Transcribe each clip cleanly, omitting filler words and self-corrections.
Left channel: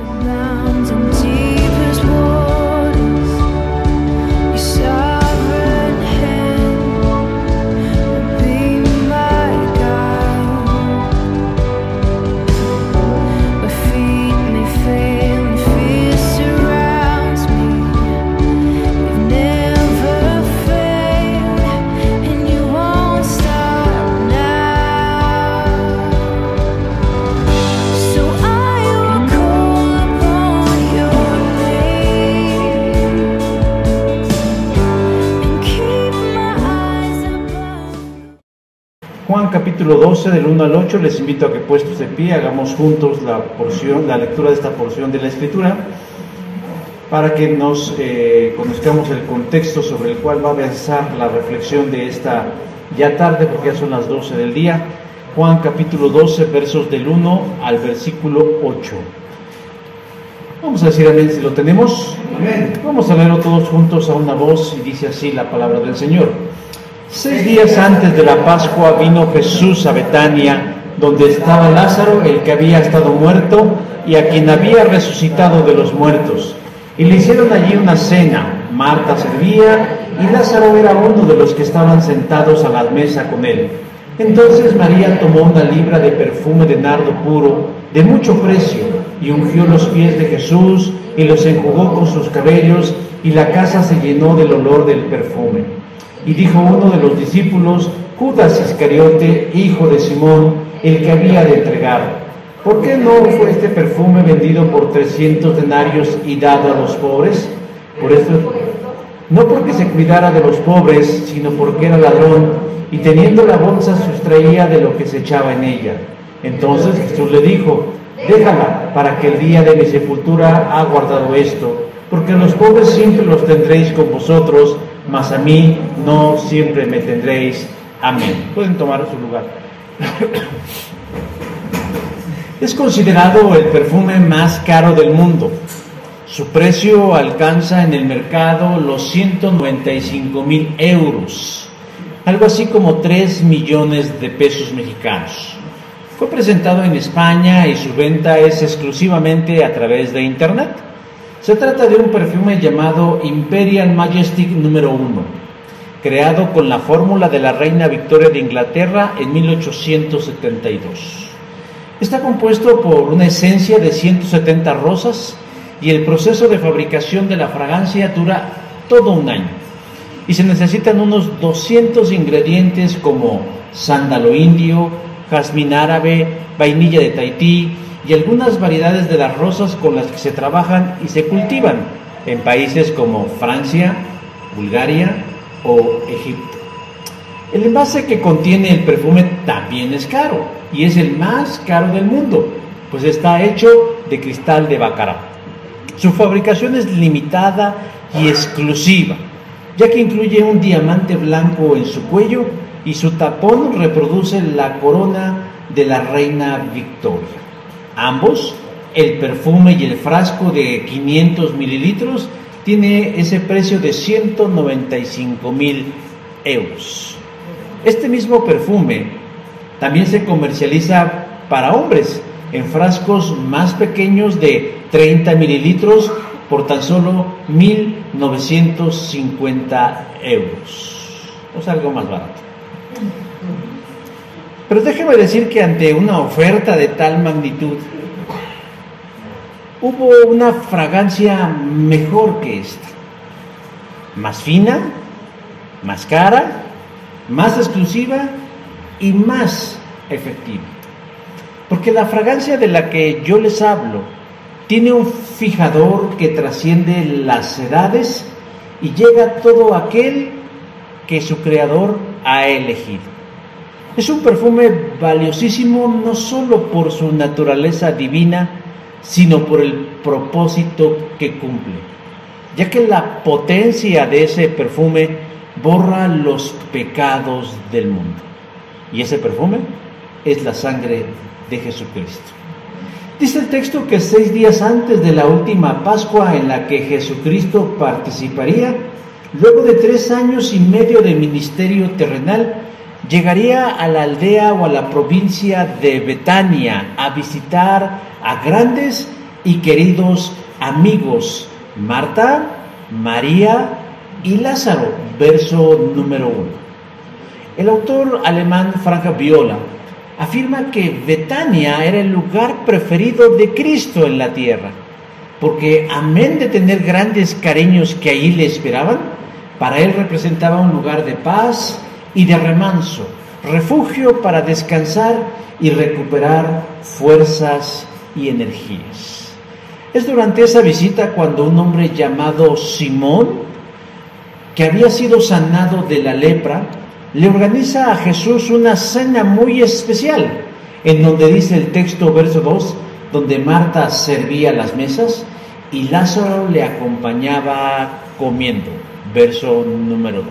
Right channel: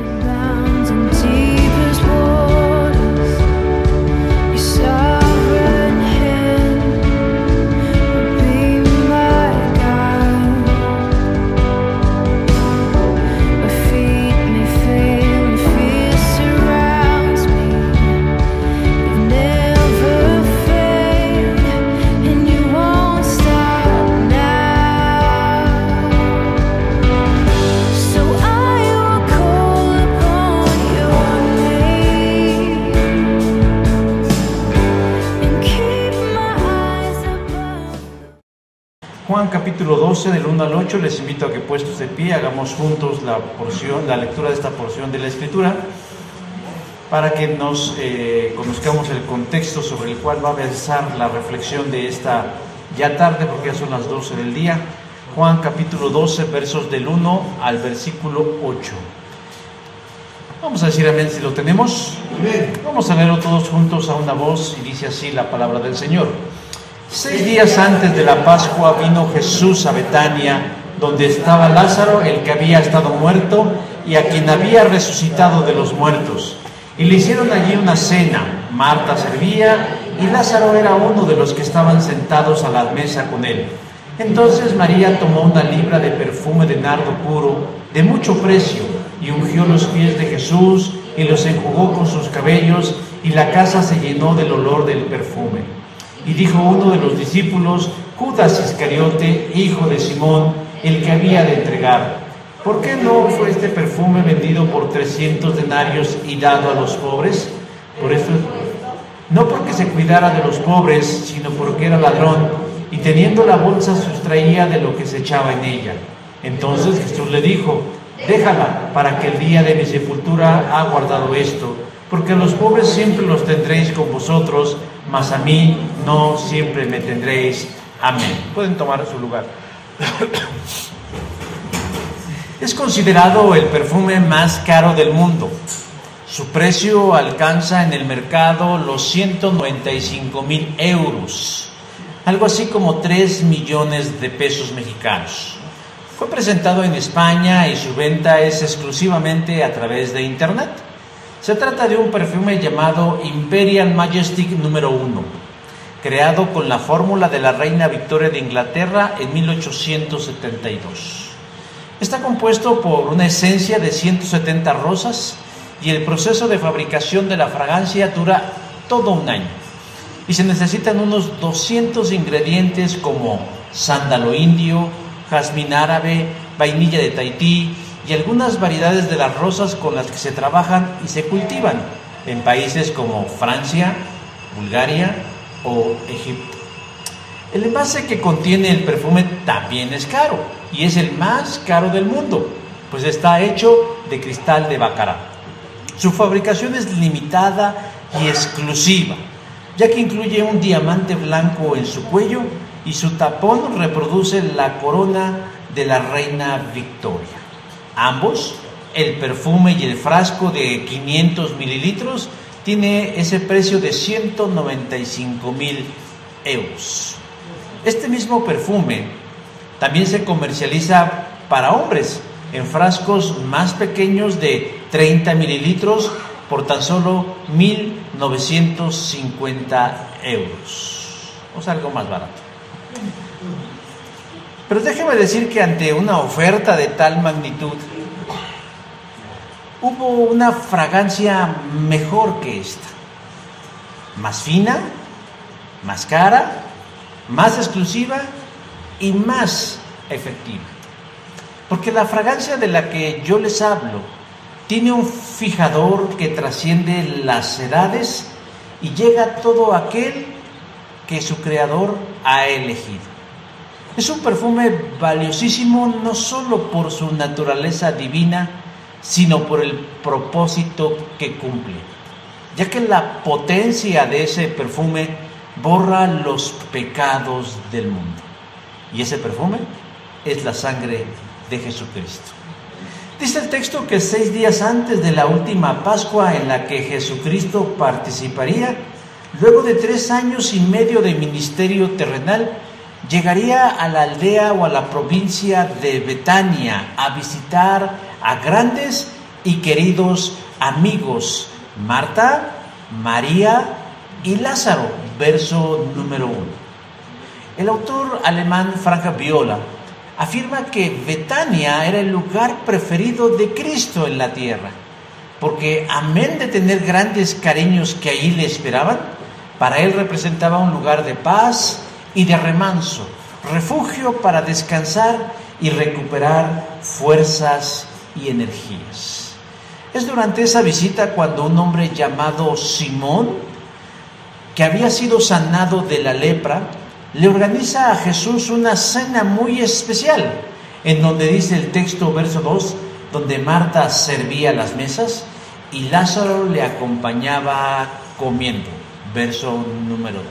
Abounds in deepest waters, your sovereign hand will be my guide. My feet may fail and fear surrounds me. You've never failed and you won't stop now. So I will call upon your name and keep my eyes above. Juan capítulo 12 del 1 al 8, les invito a que puestos de pie hagamos juntos la lectura de esta porción de la Escritura para que nos conozcamos el contexto sobre el cual va a versar la reflexión de esta ya tarde, porque ya son las 12 del día. Juan capítulo 12, versos del 1 al versículo 8. Vamos a decir amén si lo tenemos. Amén. Vamos a leerlo todos juntos a una voz y dice así la palabra del Señor. 6 días antes de la Pascua vino Jesús a Betania, donde estaba Lázaro, el que había estado muerto y a quien había resucitado de los muertos. Y le hicieron allí una cena. Marta servía y Lázaro era uno de los que estaban sentados a la mesa con él. Entonces María tomó una libra de perfume de nardo puro, de mucho precio, y ungió los pies de Jesús y los enjugó con sus cabellos, y la casa se llenó del olor del perfume. Y dijo uno de los discípulos, Judas Iscariote, hijo de Simón, el que había de entregar: ¿por qué no fue este perfume vendido por 300 denarios y dado a los pobres? Por esto, no porque se cuidara de los pobres, sino porque era ladrón, y teniendo la bolsa sustraía de lo que se echaba en ella. Entonces Jesús le dijo: déjala, para que el día de mi sepultura ha guardado esto, porque a los pobres siempre los tendréis con vosotros, mas a mí no siempre me tendréis. Amén. Pueden tomar su lugar. Es considerado el perfume más caro del mundo. Su precio alcanza en el mercado los 195,000 euros, algo así como 3 millones de pesos mexicanos. Fue presentado en España y su venta es exclusivamente a través de Internet. Se trata de un perfume llamado Imperial Majestic número 1, creado con la fórmula de la reina Victoria de Inglaterra en 1872. Está compuesto por una esencia de 170 rosas y el proceso de fabricación de la fragancia dura todo un año. Y se necesitan unos 200 ingredientes como sándalo indio, jazmín árabe, vainilla de Tahití y algunas variedades de las rosas con las que se trabajan y se cultivan en países como Francia, Bulgaria o Egipto. El envase que contiene el perfume también es caro y es el más caro del mundo, pues está hecho de cristal de baccarat. Su fabricación es limitada y exclusiva, ya que incluye un diamante blanco en su cuello y su tapón reproduce la corona de la reina Victoria. Ambos, el perfume y el frasco de 500 mililitros, tiene ese precio de 195,000 euros. Este mismo perfume también se comercializa para hombres en frascos más pequeños de 30 mililitros por tan solo 1,950 euros. O sea, algo más barato. Pero déjeme decir que ante una oferta de tal magnitud, hubo una fragancia mejor que esta. Más fina, más cara, más exclusiva y más efectiva. Porque la fragancia de la que yo les hablo tiene un fijador que trasciende las edades y llega a todo aquel que su creador ha elegido. Es un perfume valiosísimo no solo por su naturaleza divina, sino por el propósito que cumple, ya que la potencia de ese perfume borra los pecados del mundo. Y ese perfume es la sangre de Jesucristo. Dice el texto que 6 días antes de la última Pascua en la que Jesucristo participaría, luego de 3 años y medio de ministerio terrenal, llegaría a la aldea o a la provincia de Betania a visitar a grandes y queridos amigos Marta, María y Lázaro, verso número 1. El autor alemán Frank Viola afirma que Betania era el lugar preferido de Cristo en la tierra, porque amén de tener grandes cariños que allí le esperaban, para él representaba un lugar de paz y de remanso, refugio para descansar y recuperar fuerzas y energías. Es durante esa visita cuando un hombre llamado Simón, que había sido sanado de la lepra, le organiza a Jesús una cena muy especial, en donde dice el texto, verso 2, donde Marta servía las mesas y Lázaro le acompañaba comiendo, verso número 2.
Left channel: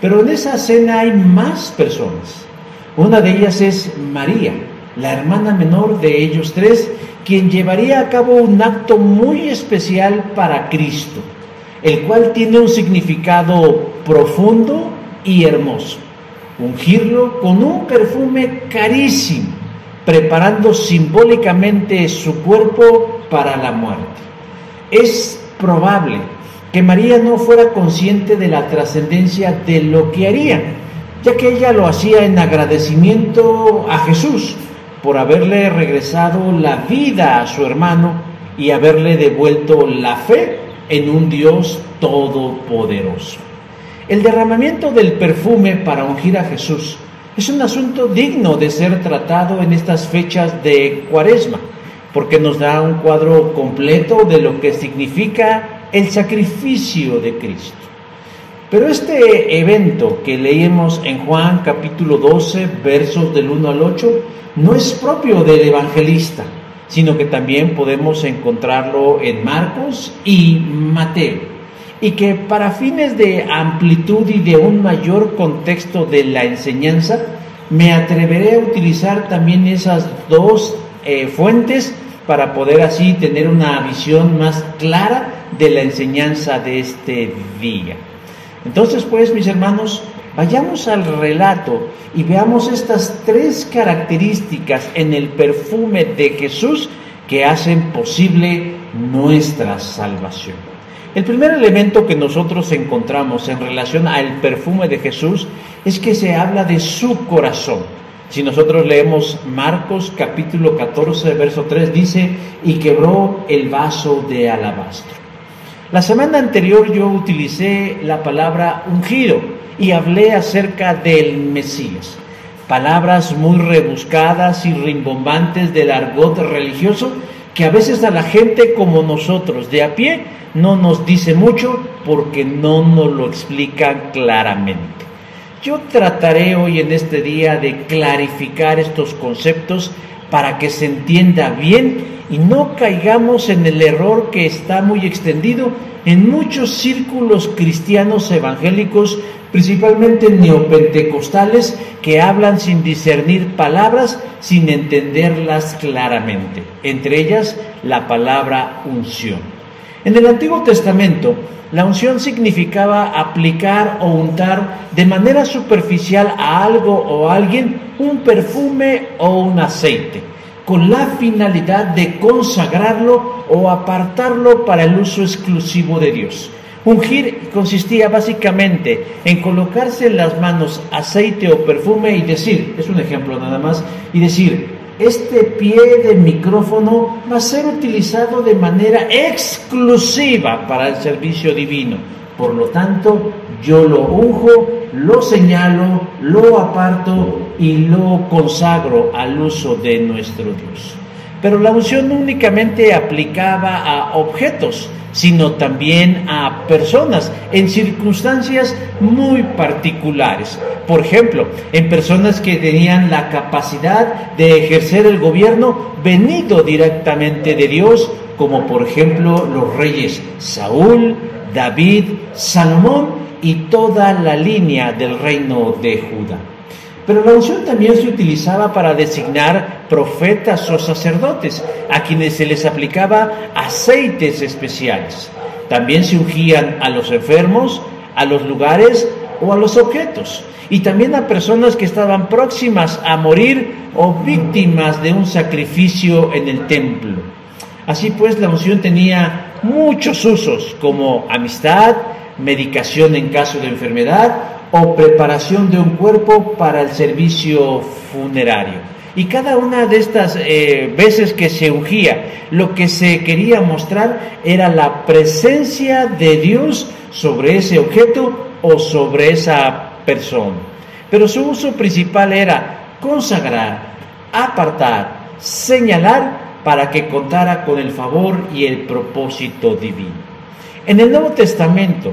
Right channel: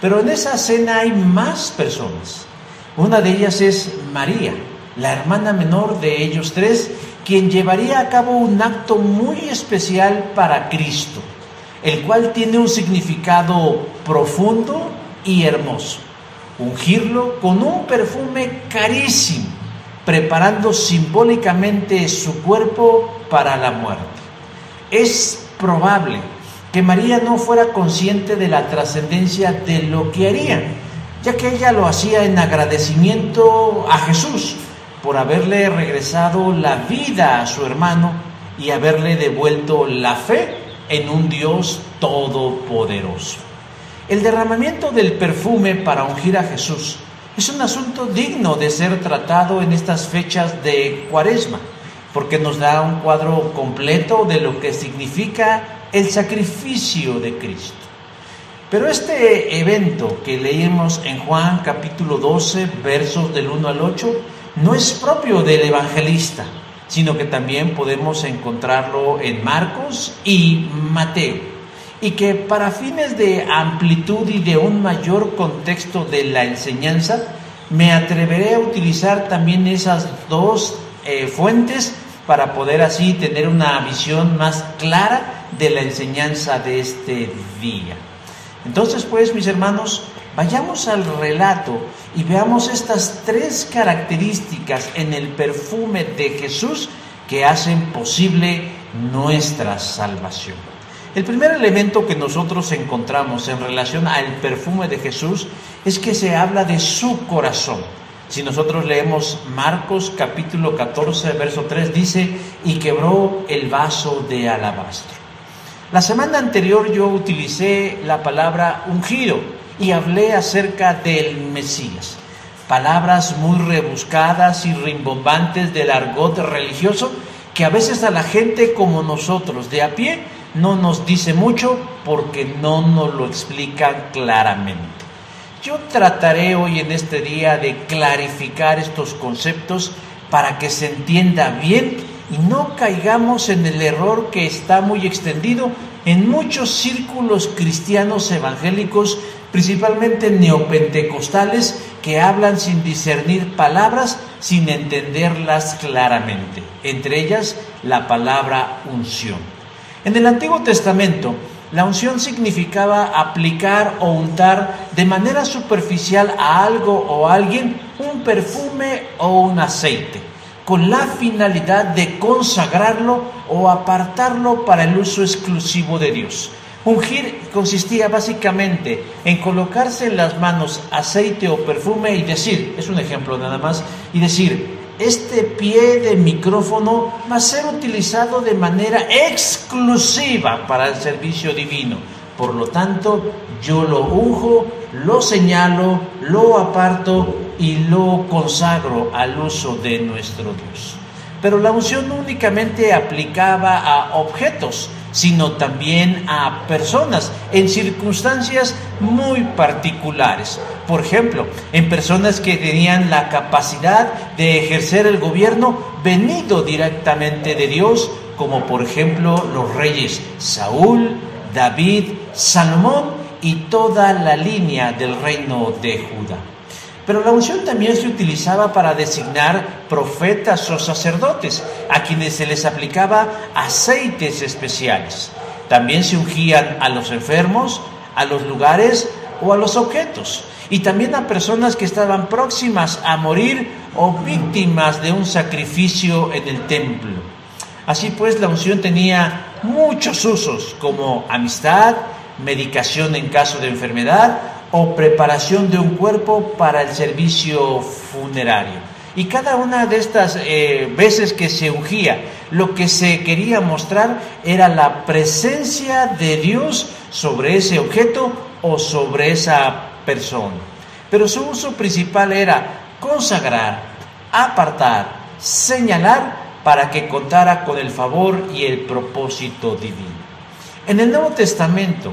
Pero en esa cena hay más personas. Una de ellas es María, la hermana menor de ellos tres, quien llevaría a cabo un acto muy especial para Cristo, el cual tiene un significado profundo y hermoso: ungirlo con un perfume carísimo, preparando simbólicamente su cuerpo para la muerte. Es probable que María no fuera consciente de la trascendencia de lo que haría, ya que ella lo hacía en agradecimiento a Jesús por haberle regresado la vida a su hermano y haberle devuelto la fe en un Dios todopoderoso. El derramamiento del perfume para ungir a Jesús es un asunto digno de ser tratado en estas fechas de Cuaresma, porque nos da un cuadro completo de lo que significa el sacrificio de Cristo. Pero este evento que leemos en Juan capítulo 12, versos del 1 al 8, no es propio del evangelista, sino que también podemos encontrarlo en Marcos y Mateo, y que para fines de amplitud y de un mayor contexto de la enseñanza, me atreveré a utilizar también esas dos fuentes para poder así tener una visión más clara de la enseñanza de este día. Entonces, pues, mis hermanos, vayamos al relato y veamos estas tres características en el perfume de Jesús que hacen posible nuestra salvación. El primer elemento que nosotros encontramos en relación al perfume de Jesús es que se habla de su corazón. Si nosotros leemos Marcos capítulo 14, verso 3, dice: y quebró el vaso de alabastro. La semana anterior yo utilicé la palabra ungido y hablé acerca del Mesías. Palabras muy rebuscadas y rimbombantes del argot religioso que a veces a la gente como nosotros de a pie no nos dice mucho porque no nos lo explican claramente. Yo trataré hoy en este día de clarificar estos conceptos para que se entienda bien y no caigamos en el error que está muy extendido en muchos círculos cristianos evangélicos, principalmente neopentecostales, que hablan sin discernir palabras, sin entenderlas claramente, entre ellas la palabra unción. En el Antiguo Testamento, la unción significaba aplicar o untar de manera superficial a algo o a alguien un perfume o un aceite, con la finalidad de consagrarlo o apartarlo para el uso exclusivo de Dios. Ungir consistía básicamente en colocarse en las manos aceite o perfume y decir, es un ejemplo nada más, y decir: este pie de micrófono va a ser utilizado de manera exclusiva para el servicio divino. Por lo tanto, yo lo unjo, lo señalo, lo aparto y lo consagro al uso de nuestro Dios. Pero la unción no únicamente aplicaba a objetos, sino también a personas en circunstancias muy particulares. Por ejemplo, en personas que tenían la capacidad de ejercer el gobierno venido directamente de Dios, como por ejemplo los reyes Saúl, David, Salomón y toda la línea del reino de Judá. Pero la unción también se utilizaba para designar profetas o sacerdotes, a quienes se les aplicaba aceites especiales. También se ungían a los enfermos, a los lugares o a los objetos, y también a personas que estaban próximas a morir o víctimas de un sacrificio en el templo. Así pues, la unción tenía muchos usos, como amistad, medicación en caso de enfermedad o preparación de un cuerpo para el servicio funerario. Y cada una de estas veces que se ungía, lo que se quería mostrar era la presencia de Dios sobre ese objeto o sobre esa persona. Pero su uso principal era consagrar, apartar, señalar para que contara con el favor y el propósito divino. En el Nuevo Testamento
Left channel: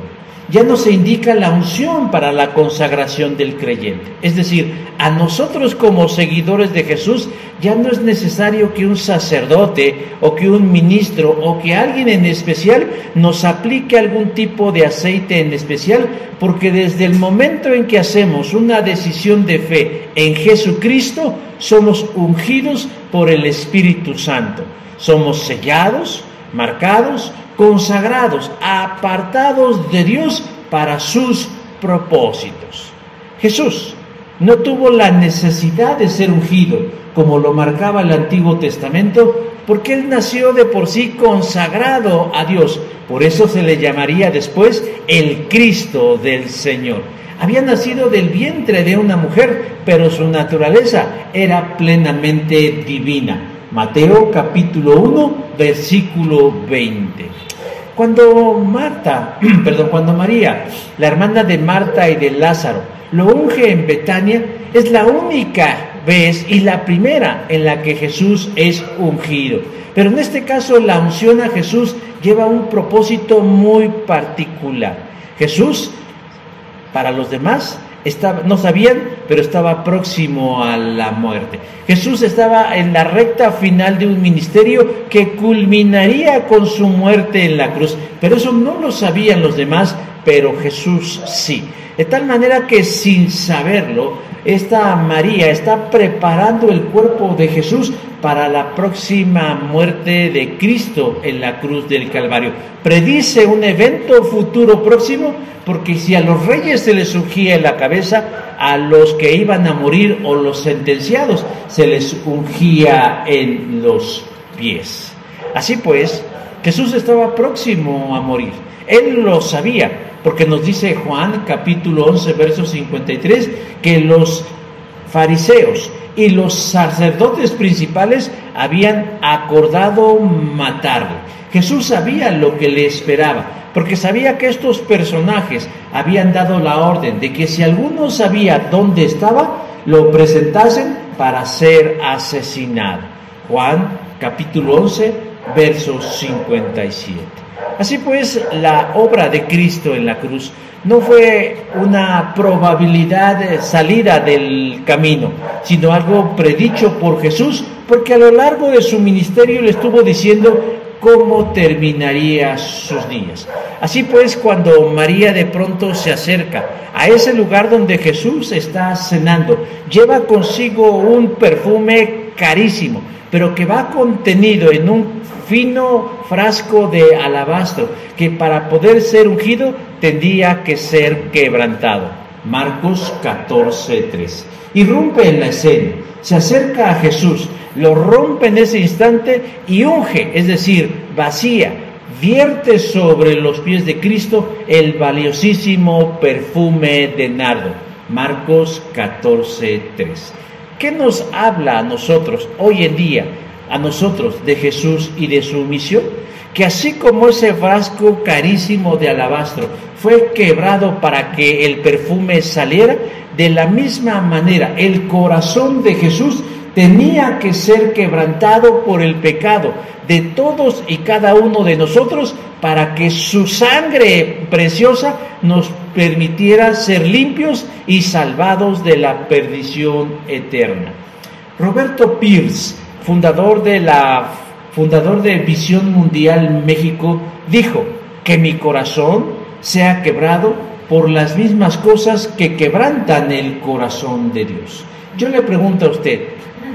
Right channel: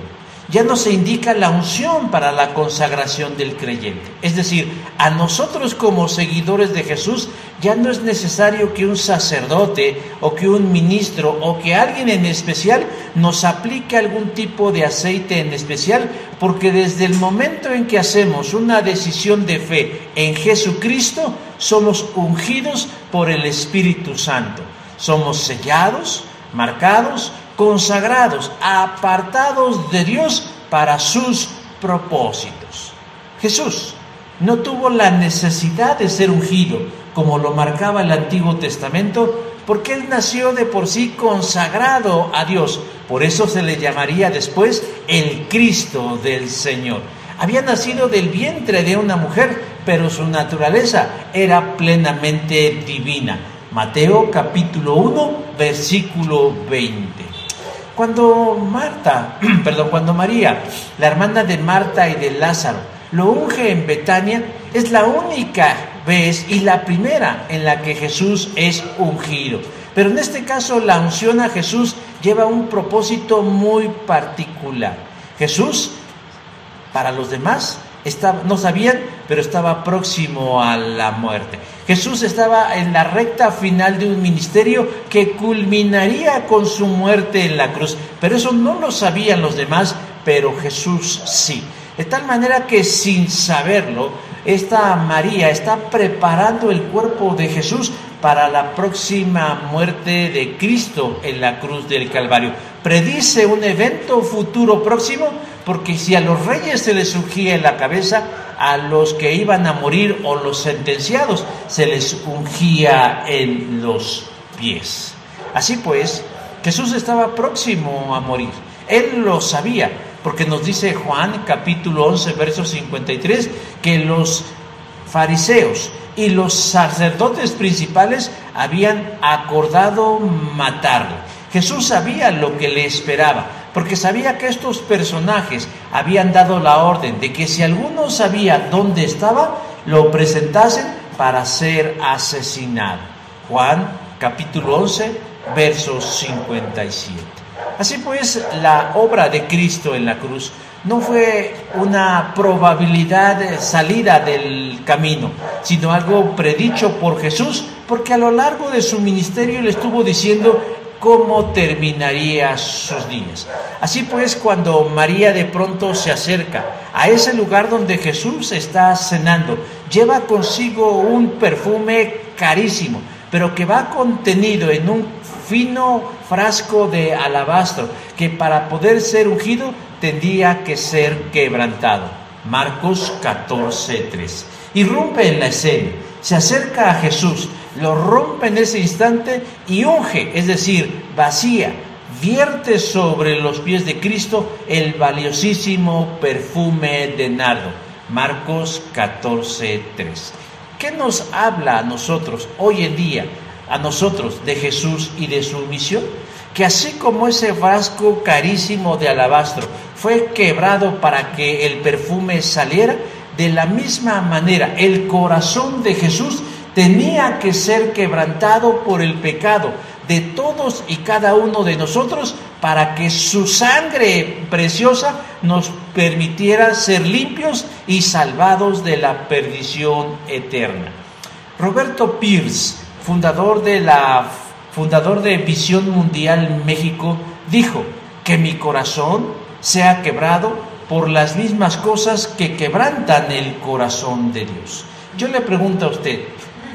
ya no se indica la unción para la consagración del creyente. Es decir, a nosotros como seguidores de Jesús ya no es necesario que un sacerdote o que un ministro o que alguien en especial nos aplique algún tipo de aceite en especial, porque desde el momento en que hacemos una decisión de fe en Jesucristo, somos ungidos por el Espíritu Santo. Somos sellados, marcados, consagrados, apartados de Dios para sus propósitos. Jesús no tuvo la necesidad de ser ungido, como lo marcaba el Antiguo Testamento, porque Él nació de por sí consagrado a Dios. Por eso se le llamaría después el Cristo del Señor. Había nacido del vientre de una mujer, pero su naturaleza era plenamente divina. Mateo capítulo 1, versículo 20. Cuando María, la hermana de Marta y de Lázaro, lo unge en Betania, es la única vez y la primera en la que Jesús es ungido. Pero en este caso la unción a Jesús lleva un propósito muy particular. Jesús, para los demás, no sabían, pero estaba próximo a la muerte. Jesús estaba en la recta final de un ministerio que culminaría con su muerte en la cruz, pero eso no lo sabían los demás, pero Jesús sí. De tal manera que sin saberlo, esta María está preparando el cuerpo de Jesús para la próxima muerte de Cristo en la cruz del Calvario. Predice un evento futuro próximo, porque si a los reyes se les ungía en la cabeza, a los que iban a morir o los sentenciados se les ungía en los pies. Así pues, Jesús estaba próximo a morir. Él lo sabía, porque nos dice Juan capítulo 11, verso 53, que los fariseos y los sacerdotes principales habían acordado matarlo. Jesús sabía lo que le esperaba, porque sabía que estos personajes habían dado la orden de que si alguno sabía dónde estaba, lo presentasen para ser asesinado. Juan capítulo 11, verso 57. Así pues, la obra de Cristo en la cruz no fue una probabilidad salida del camino, sino algo predicho por Jesús, porque a lo largo de su ministerio le estuvo diciendo cómo terminaría sus días. Así pues, cuando María de pronto se acerca a ese lugar donde Jesús está cenando, lleva consigo un perfume carísimo, pero que va contenido en un fino frasco de alabastro, que para poder ser ungido tendría que ser quebrantado. Marcos 14:3. Irrumpe en la escena, se acerca a Jesús, lo rompe en ese instante y unge, es decir, vacía, vierte sobre los pies de Cristo el valiosísimo perfume de nardo. Marcos 14:3. ¿Qué nos habla a nosotros hoy en día, a nosotros, de Jesús y de su misión? Que así como ese frasco carísimo de alabastro fue quebrado para que el perfume saliera, de la misma manera el corazón de Jesús tenía que ser quebrantado por el pecado de todos y cada uno de nosotros, para que su sangre preciosa nos permitiera ser limpios y salvados de la perdición eterna. Roberto Pierce, fundador de Visión Mundial México, dijo: que mi corazón sea quebrado por las mismas cosas que quebrantan el corazón de Dios. Yo le pregunto a usted,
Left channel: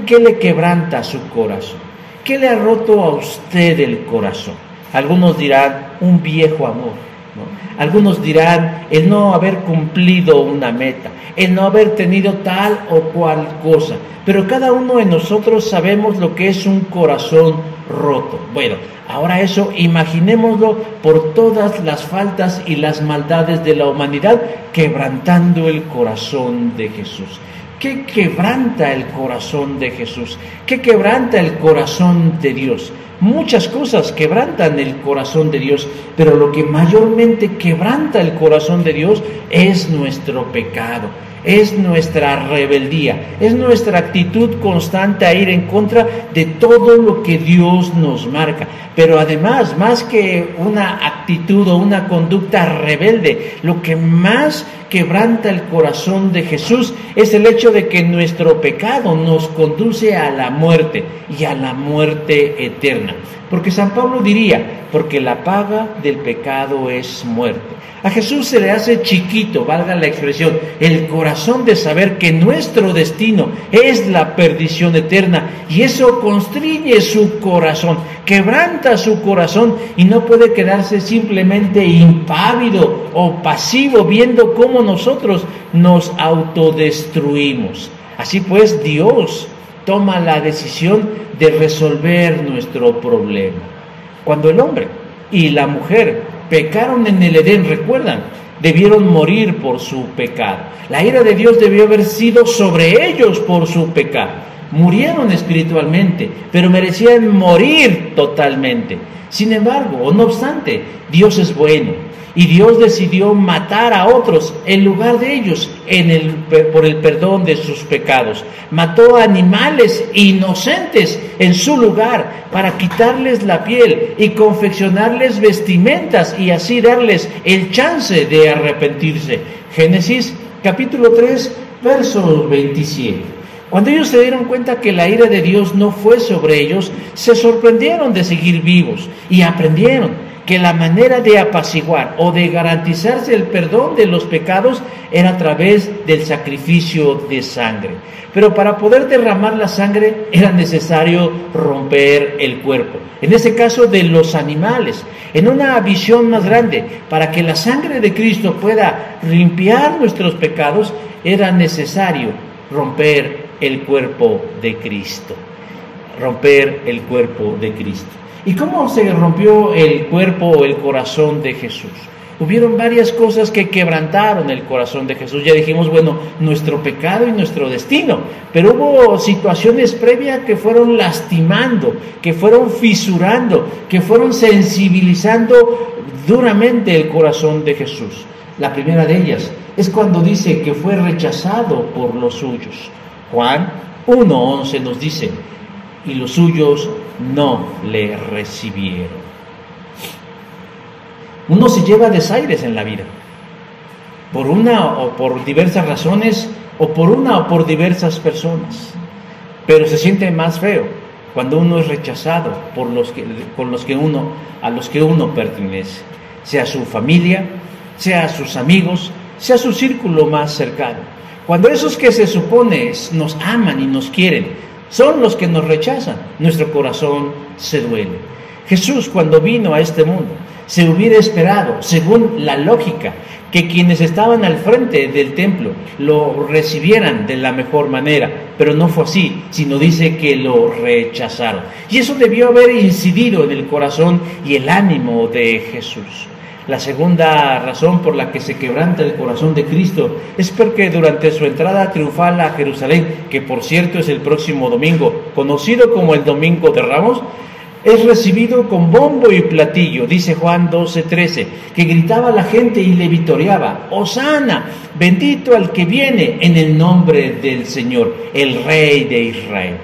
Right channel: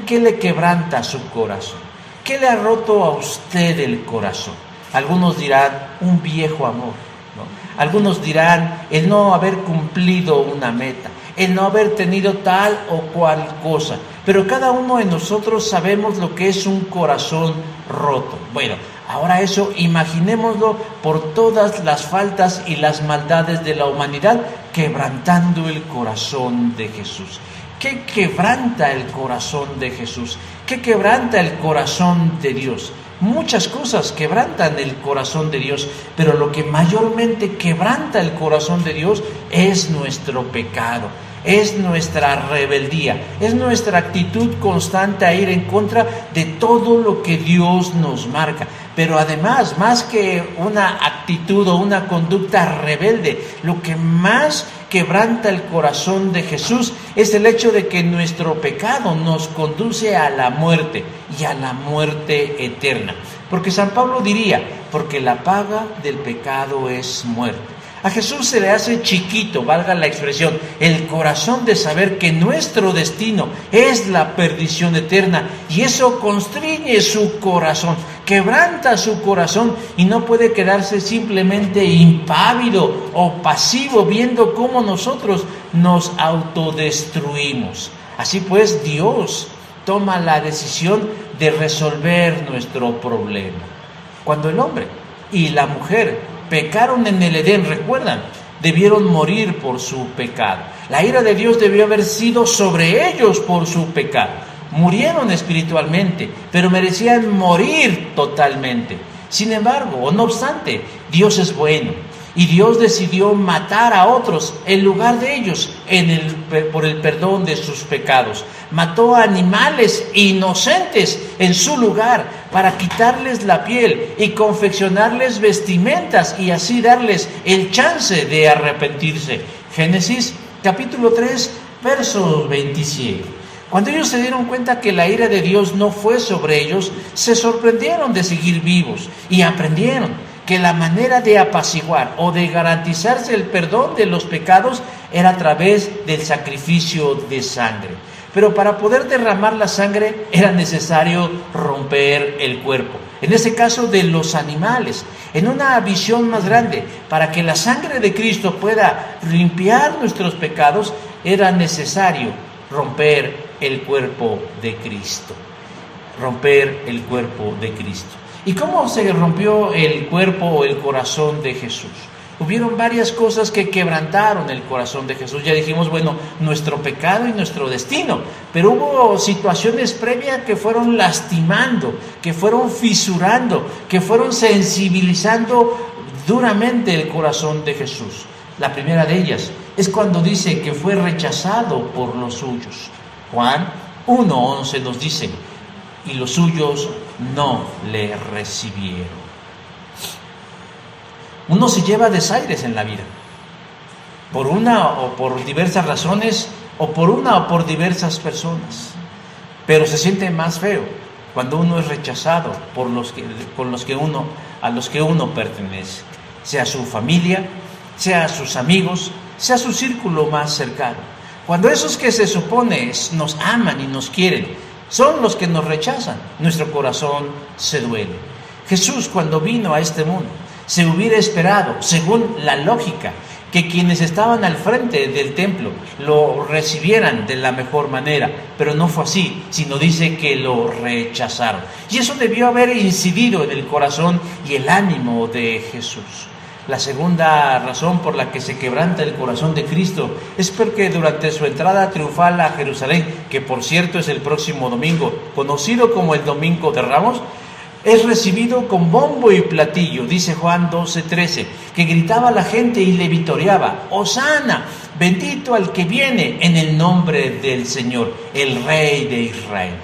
¿qué le quebranta su corazón? ¿Qué le ha roto a usted el corazón? Algunos dirán, un viejo amor, ¿no? Algunos dirán, el no haber cumplido una meta, el no haber tenido tal o cual cosa. Pero cada uno de nosotros sabemos lo que es un corazón roto. Bueno, Ahora eso, imaginémoslo por todas las faltas y las maldades de la humanidad, quebrantando el corazón de Jesús. ¿Qué quebranta el corazón de Jesús? ¿Qué quebranta el corazón de Dios? Muchas cosas quebrantan el corazón de Dios, pero lo que mayormente quebranta el corazón de Dios es nuestro pecado, es nuestra rebeldía, es nuestra actitud constante a ir en contra de todo lo que Dios nos marca. Pero además, más que una actitud o una conducta rebelde, lo que más quebranta el corazón de Jesús es el hecho de que nuestro pecado nos conduce a la muerte y a la muerte eterna. Porque San Pablo diría, porque la paga del pecado es muerte. A Jesús se le hace chiquito, valga la expresión, el corazón de saber que nuestro destino es la perdición eterna, y eso constriñe su corazón, quebranta su corazón, y no puede quedarse simplemente impávido o pasivo viendo cómo nosotros nos autodestruimos. Así pues, Dios toma la decisión de resolver nuestro problema. Cuando el hombre y la mujer pecaron en el Edén, recuerdan, debieron morir por su pecado. La ira de Dios debió haber sido sobre ellos por su pecado. Murieron espiritualmente, pero merecían morir totalmente. Sin embargo, o no obstante, Dios es bueno, y Dios decidió matar a otros en lugar de ellos por el perdón de sus pecados. Mató a animales inocentes en su lugar para quitarles la piel y confeccionarles vestimentas y así darles el chance de arrepentirse. Génesis capítulo 3, verso 27. Cuando ellos se dieron cuenta que la ira de Dios no fue sobre ellos, se sorprendieron de seguir vivos y aprendieron que la manera de apaciguar o de garantizarse el perdón de los pecados era a través del sacrificio de sangre. Pero para poder derramar la sangre era necesario romper el cuerpo, en ese caso de los animales. En una visión más grande, para que la sangre de Cristo pueda limpiar nuestros pecados, era necesario romper el cuerpo de Cristo. Romper el cuerpo de Cristo. ¿Y cómo se rompió el cuerpo o el corazón de Jesús? Hubieron varias cosas que quebrantaron el corazón de Jesús. Ya dijimos, bueno, nuestro pecado y nuestro destino. Pero hubo situaciones previas que fueron lastimando, que fueron fisurando, que fueron sensibilizando duramente el corazón de Jesús. La primera de ellas es cuando dice que fue rechazado por los suyos. Juan 1:11 nos dice, y los suyos no le recibieron. Uno se lleva desaires en la vida, por una o por diversas razones, o por una o por diversas personas, pero se siente más feo cuando uno es rechazado por a los que uno pertenece, sea su familia, sea sus amigos, sea su círculo más cercano. Cuando esos que se supone nos aman y nos quieren son los que nos rechazan, nuestro corazón se duele. Jesús, cuando vino a este mundo, se hubiera esperado, según la lógica, que quienes estaban al frente del templo lo recibieran de la mejor manera, pero no fue así, sino dice que lo rechazaron. Y eso debió haber incidido en el corazón y el ánimo de Jesús. La segunda razón por la que se quebranta el corazón de Cristo es porque durante su entrada triunfal a Jerusalén, que por cierto es el próximo domingo, conocido como el Domingo de Ramos, es recibido con bombo y platillo. Dice Juan 12:13, que gritaba la gente y le vitoreaba, ¡Hosana! Bendito al que viene en el nombre del Señor, el Rey de Israel.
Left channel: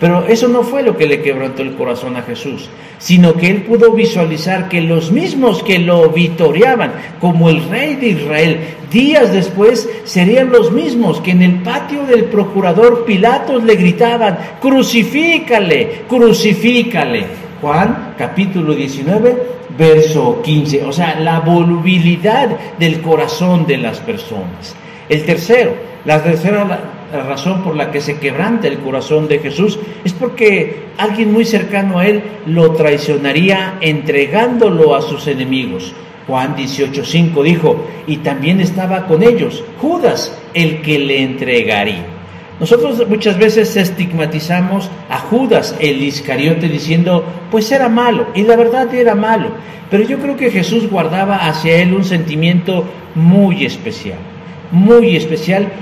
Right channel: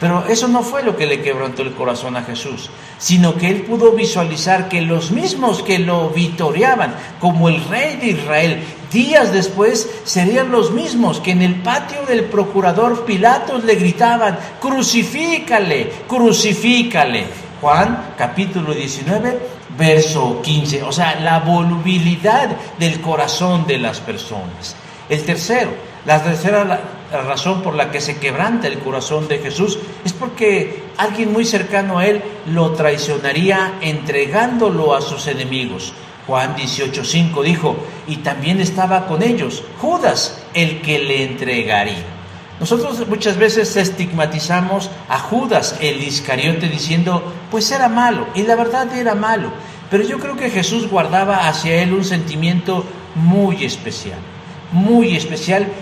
Pero eso no fue lo que le quebrantó el corazón a Jesús, sino que él pudo visualizar que los mismos que lo vitoreaban como el Rey de Israel, días después serían los mismos que en el patio del procurador Pilatos le gritaban, ¡Crucifícale! ¡Crucifícale! Juan capítulo 19, verso 15. O sea, la volubilidad del corazón de las personas. La tercera razón por la que se quebranta el corazón de Jesús es porque alguien muy cercano a él lo traicionaría entregándolo a sus enemigos. Juan 18:5 dijo, y también estaba con ellos Judas, el que le entregaría. Nosotros muchas veces estigmatizamos a Judas el Iscariote diciendo, pues era malo, y la verdad era malo. Pero yo creo que Jesús guardaba hacia él un sentimiento muy especial,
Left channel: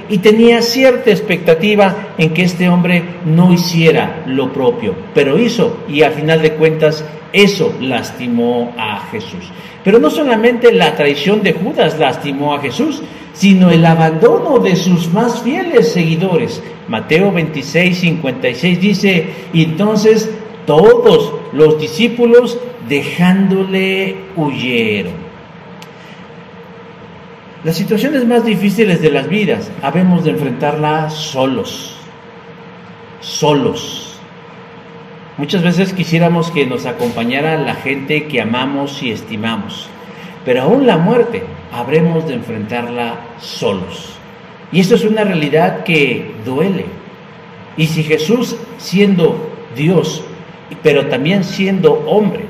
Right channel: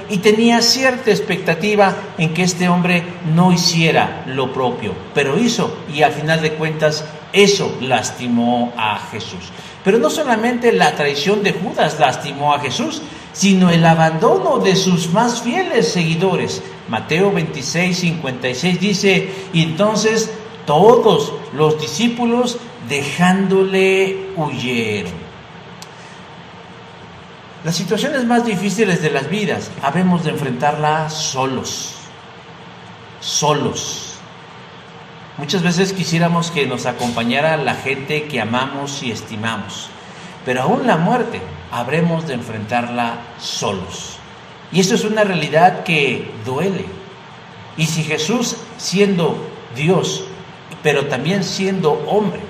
y tenía cierta expectativa en que este hombre no hiciera lo propio, pero hizo, y al final de cuentas eso lastimó a Jesús. Pero no solamente la traición de Judas lastimó a Jesús, sino el abandono de sus más fieles seguidores. Mateo 26:56 dice, y entonces todos los discípulos dejándole huyeron. Las situaciones más difíciles de las vidas habemos de enfrentarlas solos. Muchas veces quisiéramos que nos acompañara la gente que amamos y estimamos, pero aún la muerte habremos de enfrentarla solos. Y esto es una realidad que duele. Y si Jesús, siendo Dios, pero también siendo hombre,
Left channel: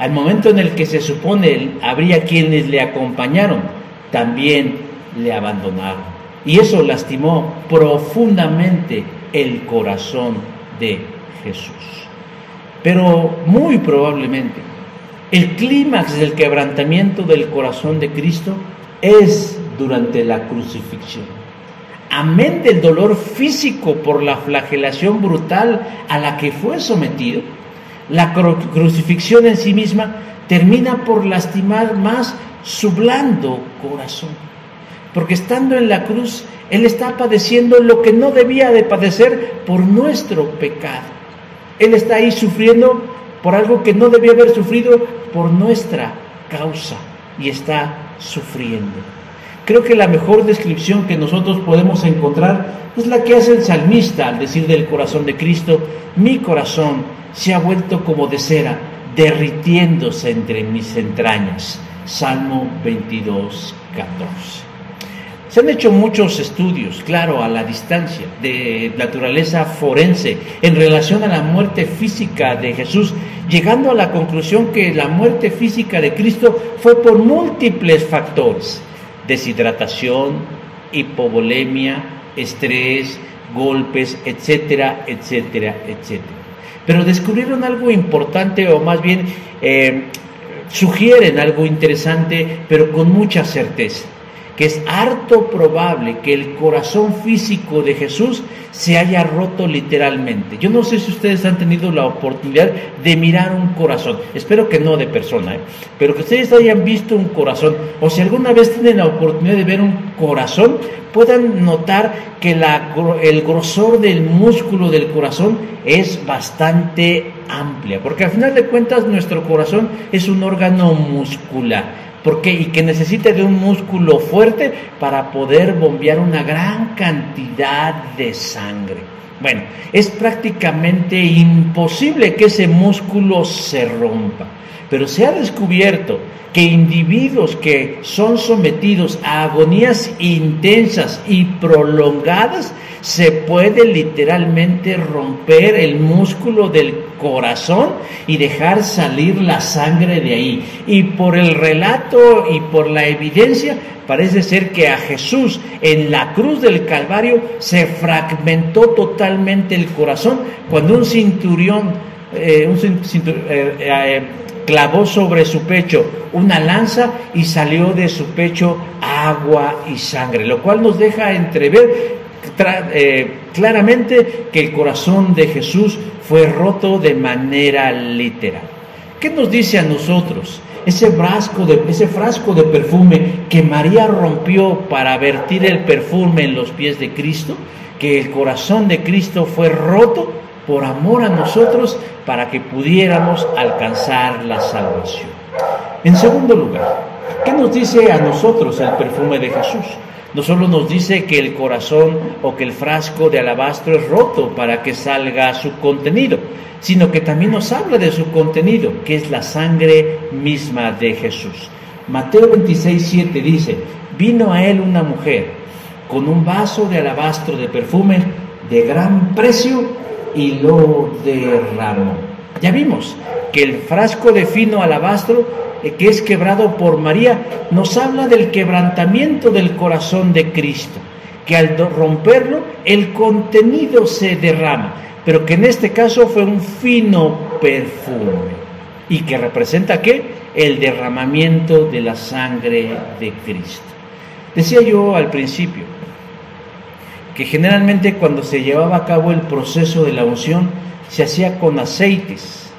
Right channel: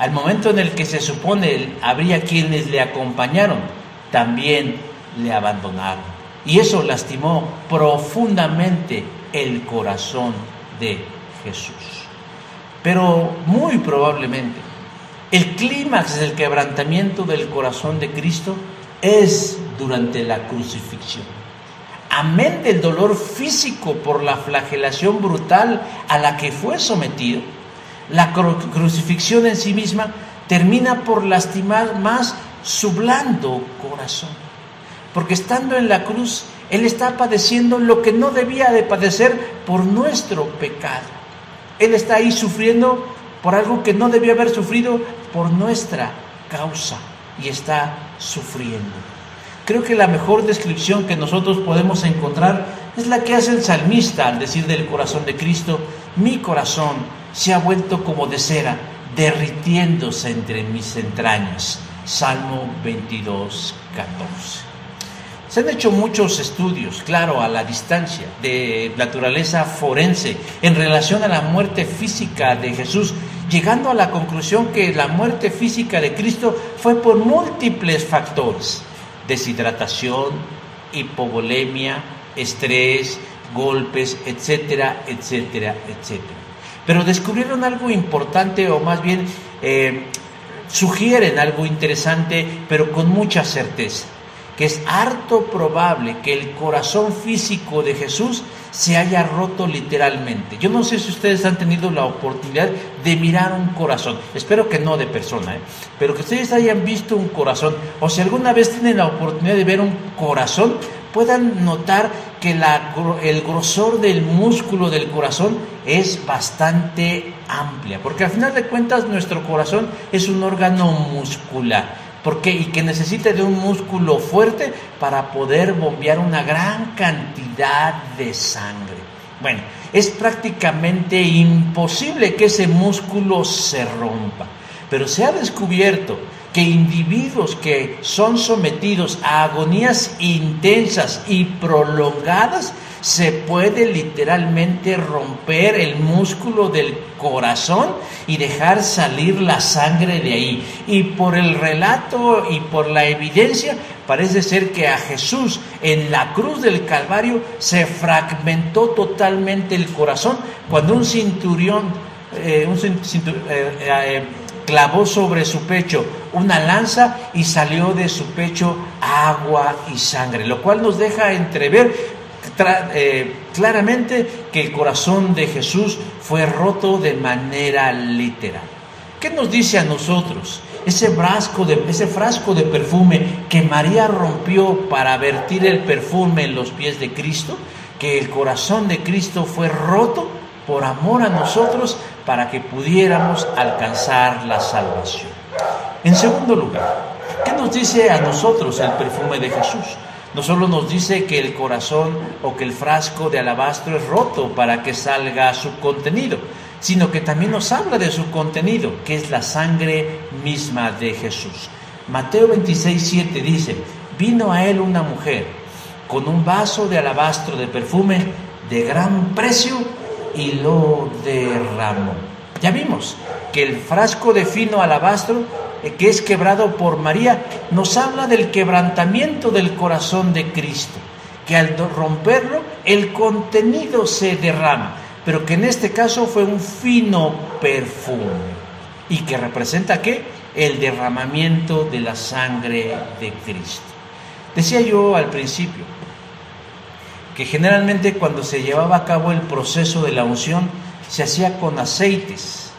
al momento en el que se supone habría quienes le acompañaron, también le abandonaron. Y eso lastimó profundamente el corazón de Jesús. Pero muy probablemente el clímax del quebrantamiento del corazón de Cristo es durante la crucifixión. Amén del dolor físico por la flagelación brutal a la que fue sometido, la crucifixión en sí misma termina por lastimar más su blando corazón, porque estando en la cruz, Él está padeciendo lo que no debía de padecer por nuestro pecado. Él está ahí sufriendo por algo que no debió haber sufrido por nuestra causa, y está sufriendo. Creo que la mejor descripción que nosotros podemos encontrar es la que hace el salmista al decir del corazón de Cristo, mi corazón se ha vuelto como de cera, derritiéndose entre mis entrañas. Salmo 22:14. Se han hecho muchos estudios, claro, a la distancia, de naturaleza forense en relación a la muerte física de Jesús, llegando a la conclusión que la muerte física de Cristo fue por múltiples factores: deshidratación, hipovolemia, estrés, golpes, etcétera, etcétera, etcétera. Pero descubrieron algo importante, o más bien sugieren algo interesante, pero con mucha certeza, que es harto probable que el corazón físico de Jesús se haya roto literalmente. Yo no sé si ustedes han tenido la oportunidad de mirar un corazón, espero que no de persona, pero que ustedes hayan visto un corazón, o si alguna vez tienen la oportunidad de ver un corazón, puedan notar que el grosor del músculo del corazón es bastante amplia, porque al final de cuentas nuestro corazón es un órgano muscular. ¿Por qué? Y que necesita de un músculo fuerte para poder bombear una gran cantidad de sangre. Bueno, es prácticamente imposible que ese músculo se rompa, pero se ha descubierto que individuos que son sometidos a agonías intensas y prolongadas, se puede literalmente romper el músculo del corazón y dejar salir la sangre de ahí. Y por el relato y por la evidencia, parece ser que a Jesús en la cruz del Calvario se fragmentó totalmente el corazón cuando un centurión clavó sobre su pecho una lanza y salió de su pecho agua y sangre, lo cual nos deja entrever claramente que el corazón de Jesús fue roto de manera literal. ¿Qué nos dice a nosotros ese frasco de perfume que María rompió para vertir el perfume en los pies de Cristo? Que el corazón de Cristo fue roto por amor a nosotros para que pudiéramos alcanzar la salvación. En segundo lugar, ¿qué nos dice a nosotros el perfume de Jesús? No solo nos dice que el corazón o que el frasco de alabastro es roto para que salga su contenido, sino que también nos habla de su contenido, que es la sangre misma de Jesús. Mateo 26:7 dice, vino a él una mujer con un vaso de alabastro de perfume de gran precio y lo derramó. Ya vimos que el frasco de fino alabastro que es quebrado por María nos habla del quebrantamiento del corazón de Cristo, que al romperlo el contenido se derrama, pero que en este caso fue un fino perfume y que representa ¿qué? El derramamiento de la sangre de Cristo. Decía yo al principio que generalmente cuando se llevaba a cabo el proceso de la unción se hacía con aceites,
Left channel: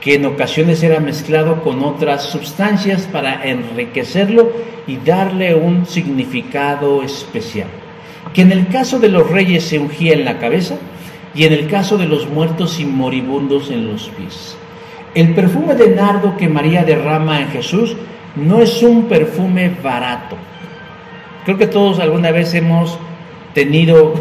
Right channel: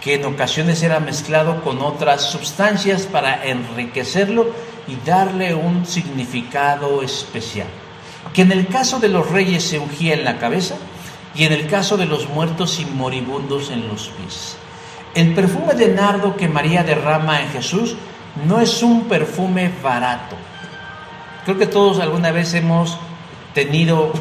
que en ocasiones era mezclado con otras sustancias para enriquecerlo y darle un significado especial. Que en el caso de los reyes se ungía en la cabeza y en el caso de los muertos y moribundos en los pies. El perfume de nardo que María derrama en Jesús no es un perfume barato. Creo que todos alguna vez hemos tenido,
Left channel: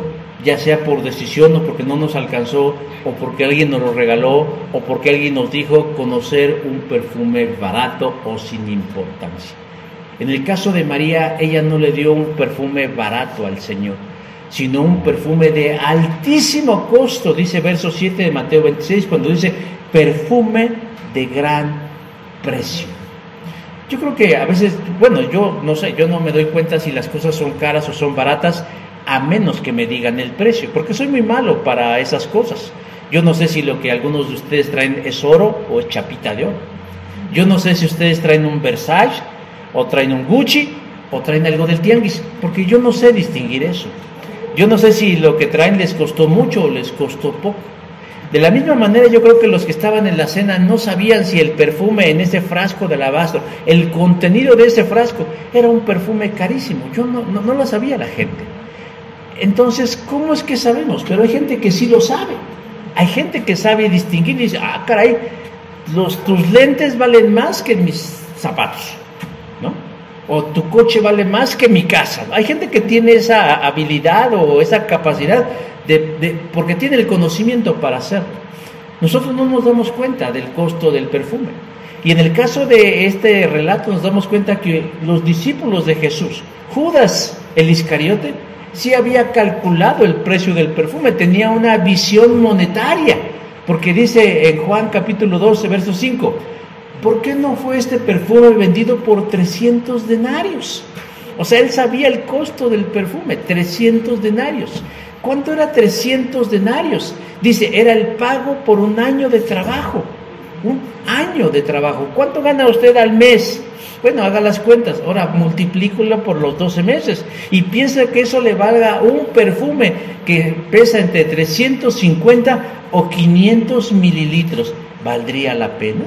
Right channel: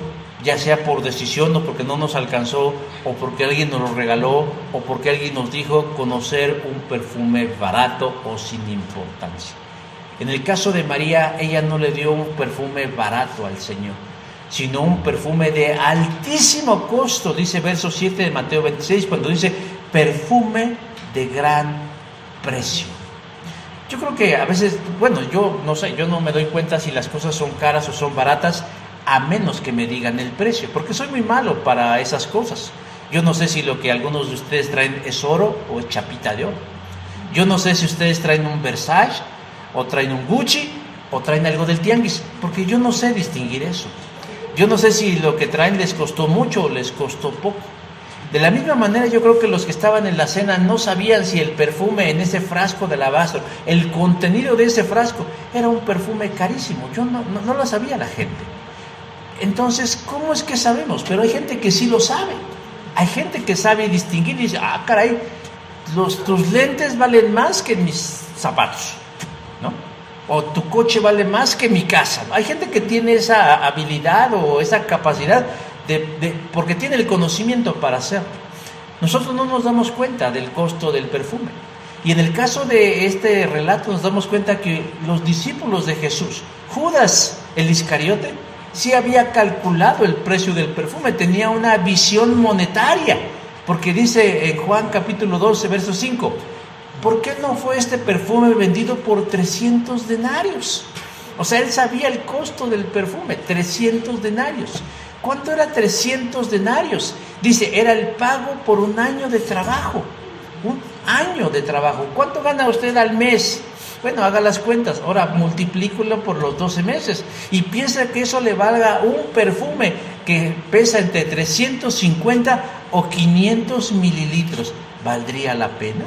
ya sea por decisión o porque no nos alcanzó, o porque alguien nos lo regaló, o porque alguien nos dijo conocer un perfume barato o sin importancia. En el caso de María, ella no le dio un perfume barato al Señor, sino un perfume de altísimo costo, dice verso 7 de Mateo 26, cuando dice perfume de gran precio. Yo creo que a veces, bueno, yo no sé, yo no me doy cuenta si las cosas son caras o son baratas, a menos que me digan el precio, porque soy muy malo para esas cosas. Yo no sé si lo que algunos de ustedes traen es oro o es chapita de oro. Yo no sé si ustedes traen un Versace o traen un Gucci o traen algo del tianguis, porque yo no sé distinguir eso. Yo no sé si lo que traen les costó mucho o les costó poco. De la misma manera, yo creo que los que estaban en la cena no sabían si el perfume en ese frasco de alabastro, el contenido de ese frasco, era un perfume carísimo. Yo no lo sabía la gente. Entonces, ¿cómo es que sabemos? Pero hay gente que sí lo sabe. Hay gente que sabe distinguir y dice, ah, caray, tus lentes valen más que mis zapatos, ¿no? O tu coche vale más que mi casa. Hay gente que tiene esa habilidad o esa capacidad porque tiene el conocimiento para hacerlo. Nosotros no nos damos cuenta del costo del perfume. Y en el caso de este relato nos damos cuenta que los discípulos de Jesús, Judas el Iscariote, sí había calculado el precio del perfume, tenía una visión monetaria, porque dice en Juan capítulo 12, verso 5, ¿por qué no fue este perfume vendido por 300 denarios? O sea, él sabía el costo del perfume, 300 denarios. ¿Cuánto era 300 denarios? Dice, era el pago por un año de trabajo. Un año de trabajo. ¿Cuánto gana usted al mes? Bueno, haga las cuentas. Ahora multiplícalo por los 12 meses. Y piensa que eso le valga un perfume que pesa entre 350 o 500 mililitros. ¿Valdría la pena?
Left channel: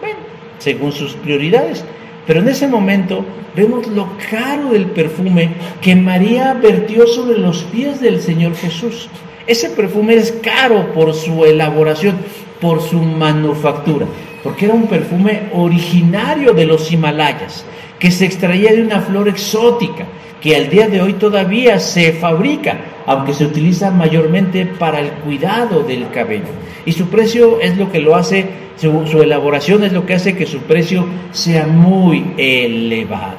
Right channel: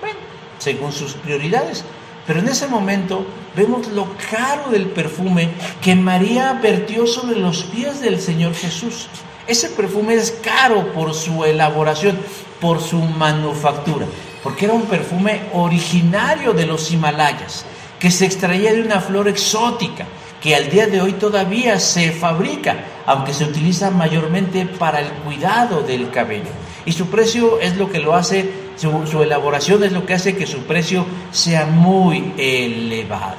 Bueno, según sus prioridades. Pero en ese momento vemos lo caro del perfume que María vertió sobre los pies del Señor Jesús. Ese perfume es caro por su elaboración, por su manufactura, porque era un perfume originario de los Himalayas, que se extraía de una flor exótica, que al día de hoy todavía se fabrica, aunque se utiliza mayormente para el cuidado del cabello. Y su precio es lo que lo hace, su elaboración es lo que hace que su precio sea muy elevado.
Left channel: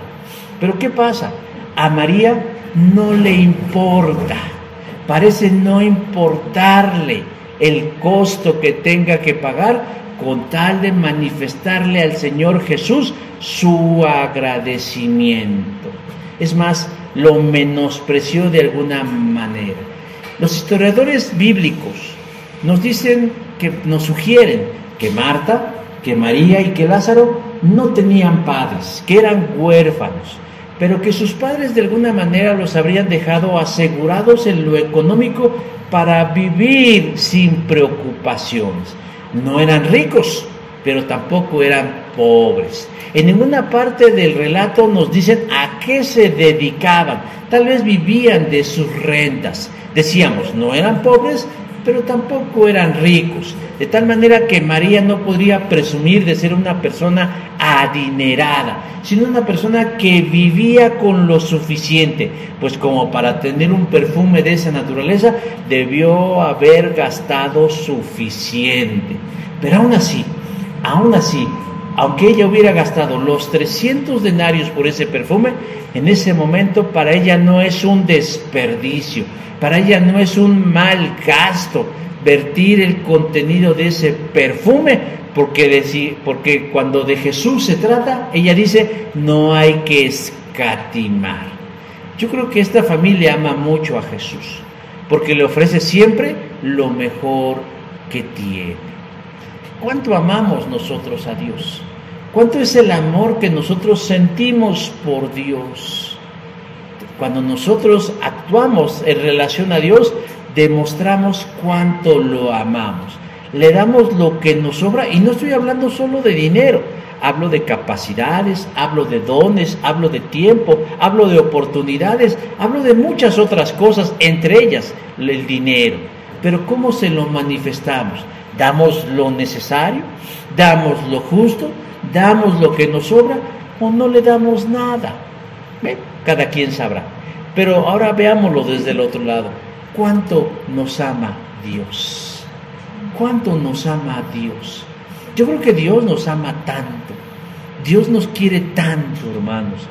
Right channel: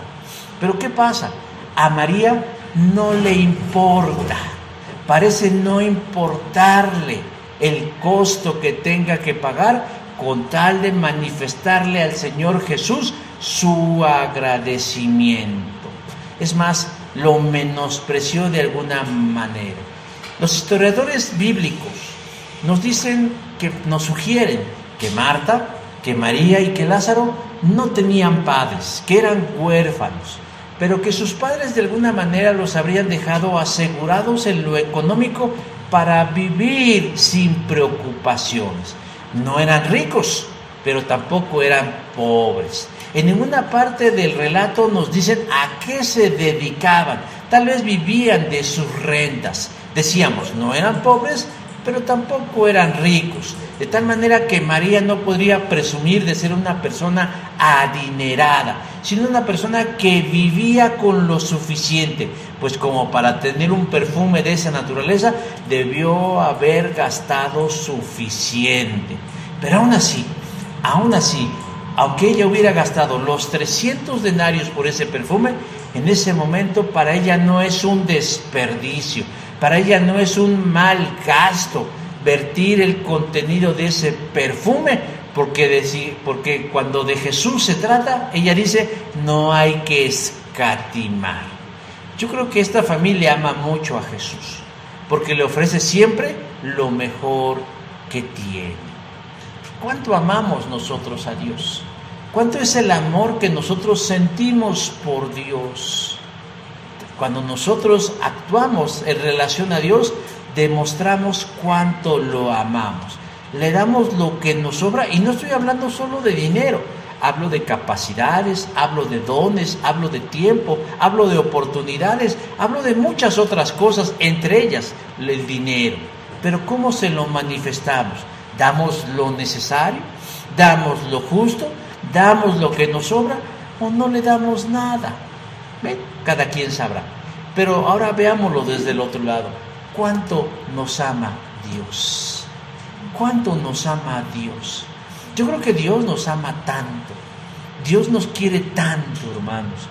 Pero ¿qué pasa? A María no le importa, parece no importarle el costo que tenga que pagar con tal de manifestarle al Señor Jesús su agradecimiento. Es más, lo menospreció de alguna manera. Los historiadores bíblicos nos sugieren que Marta, que María y que Lázaro no tenían padres, que eran huérfanos, pero que sus padres de alguna manera los habrían dejado asegurados en lo económico para vivir sin preocupaciones. No eran ricos, pero tampoco eran pobres. En ninguna parte del relato nos dicen a qué se dedicaban. Tal vez vivían de sus rentas. Decíamos, no eran pobres, pero tampoco eran ricos. De tal manera que María no podría presumir de ser una persona adinerada, sino una persona que vivía con lo suficiente, pues como para tener un perfume de esa naturaleza debió haber gastado suficiente. Pero aún así, aunque ella hubiera gastado los 300 denarios por ese perfume, en ese momento para ella no es un desperdicio, para ella no es un mal gasto vertir el contenido de ese perfume, porque cuando de Jesús se trata, ella dice, no hay que escatimar. Yo creo que esta familia ama mucho a Jesús, porque le ofrece siempre lo mejor que tiene. ¿Cuánto amamos nosotros a Dios? ¿Cuánto es el amor que nosotros sentimos por Dios? Cuando nosotros actuamos en relación a Dios, demostramos cuánto lo amamos. Le damos lo que nos sobra, y no estoy hablando solo de dinero. Hablo de capacidades, hablo de dones, hablo de tiempo, hablo de oportunidades, hablo de muchas otras cosas, entre ellas el dinero. Pero ¿cómo se lo manifestamos? ¿Damos lo necesario? ¿Damos lo justo? ¿Damos lo que nos sobra? ¿O no le damos nada? ¿Ven? Cada quien sabrá. Pero ahora veámoslo desde el otro lado. ¿Cuánto nos ama Dios? ¿Cuánto nos ama Dios? Yo creo que Dios nos ama tanto. Dios nos quiere tanto, hermanos,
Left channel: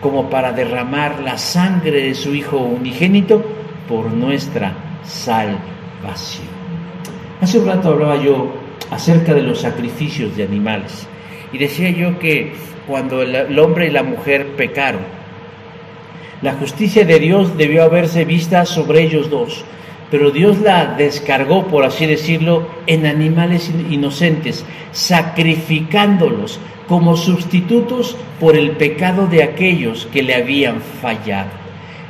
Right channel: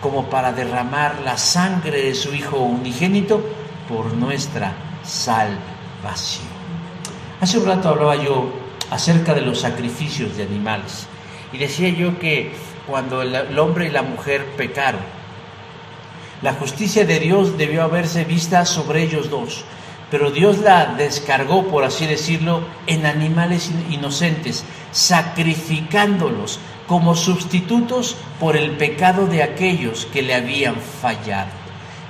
como para derramar la sangre de su Hijo unigénito por nuestra salvación. Hace un rato hablaba yo acerca de los sacrificios de animales, y decía yo que cuando el hombre y la mujer pecaron, la justicia de Dios debió haberse vista sobre ellos dos, pero Dios la descargó, por así decirlo, en animales inocentes, sacrificándolos como sustitutos por el pecado de aquellos que le habían fallado.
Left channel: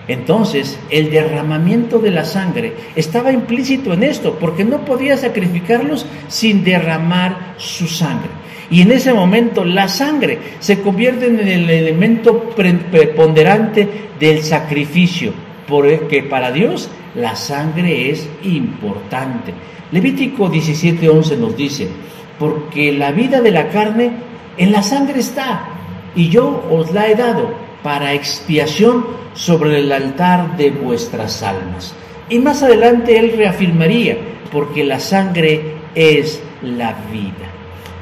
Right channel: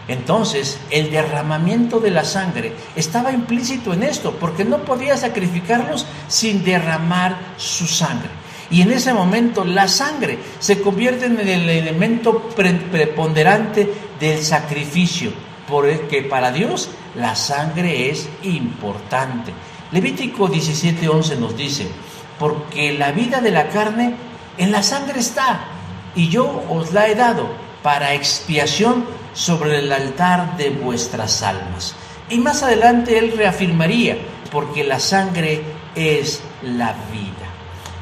Entonces, el derramamiento de la sangre estaba implícito en esto, porque no podía sacrificarlos sin derramar su sangre. Y en ese momento la sangre se convierte en el elemento preponderante del sacrificio, porque para Dios la sangre es importante. Levítico 17:11 nos dice: porque la vida de la carne en la sangre está, y yo os la he dado para expiación sobre el altar de vuestras almas. Y más adelante él reafirmaría: porque la sangre es la vida.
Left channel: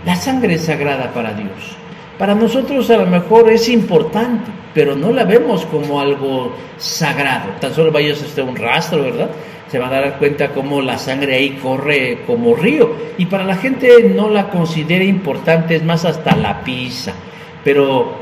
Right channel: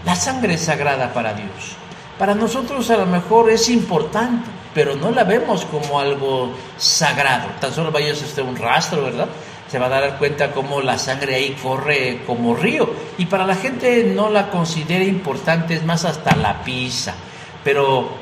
La sangre es sagrada para Dios. Para nosotros a lo mejor es importante, pero no la vemos como algo sagrado. Tan solo vayas hasta un rastro, ¿verdad? Se va a dar cuenta cómo la sangre ahí corre como río. Y para la gente no la considera importante, es más, hasta la pisa. Pero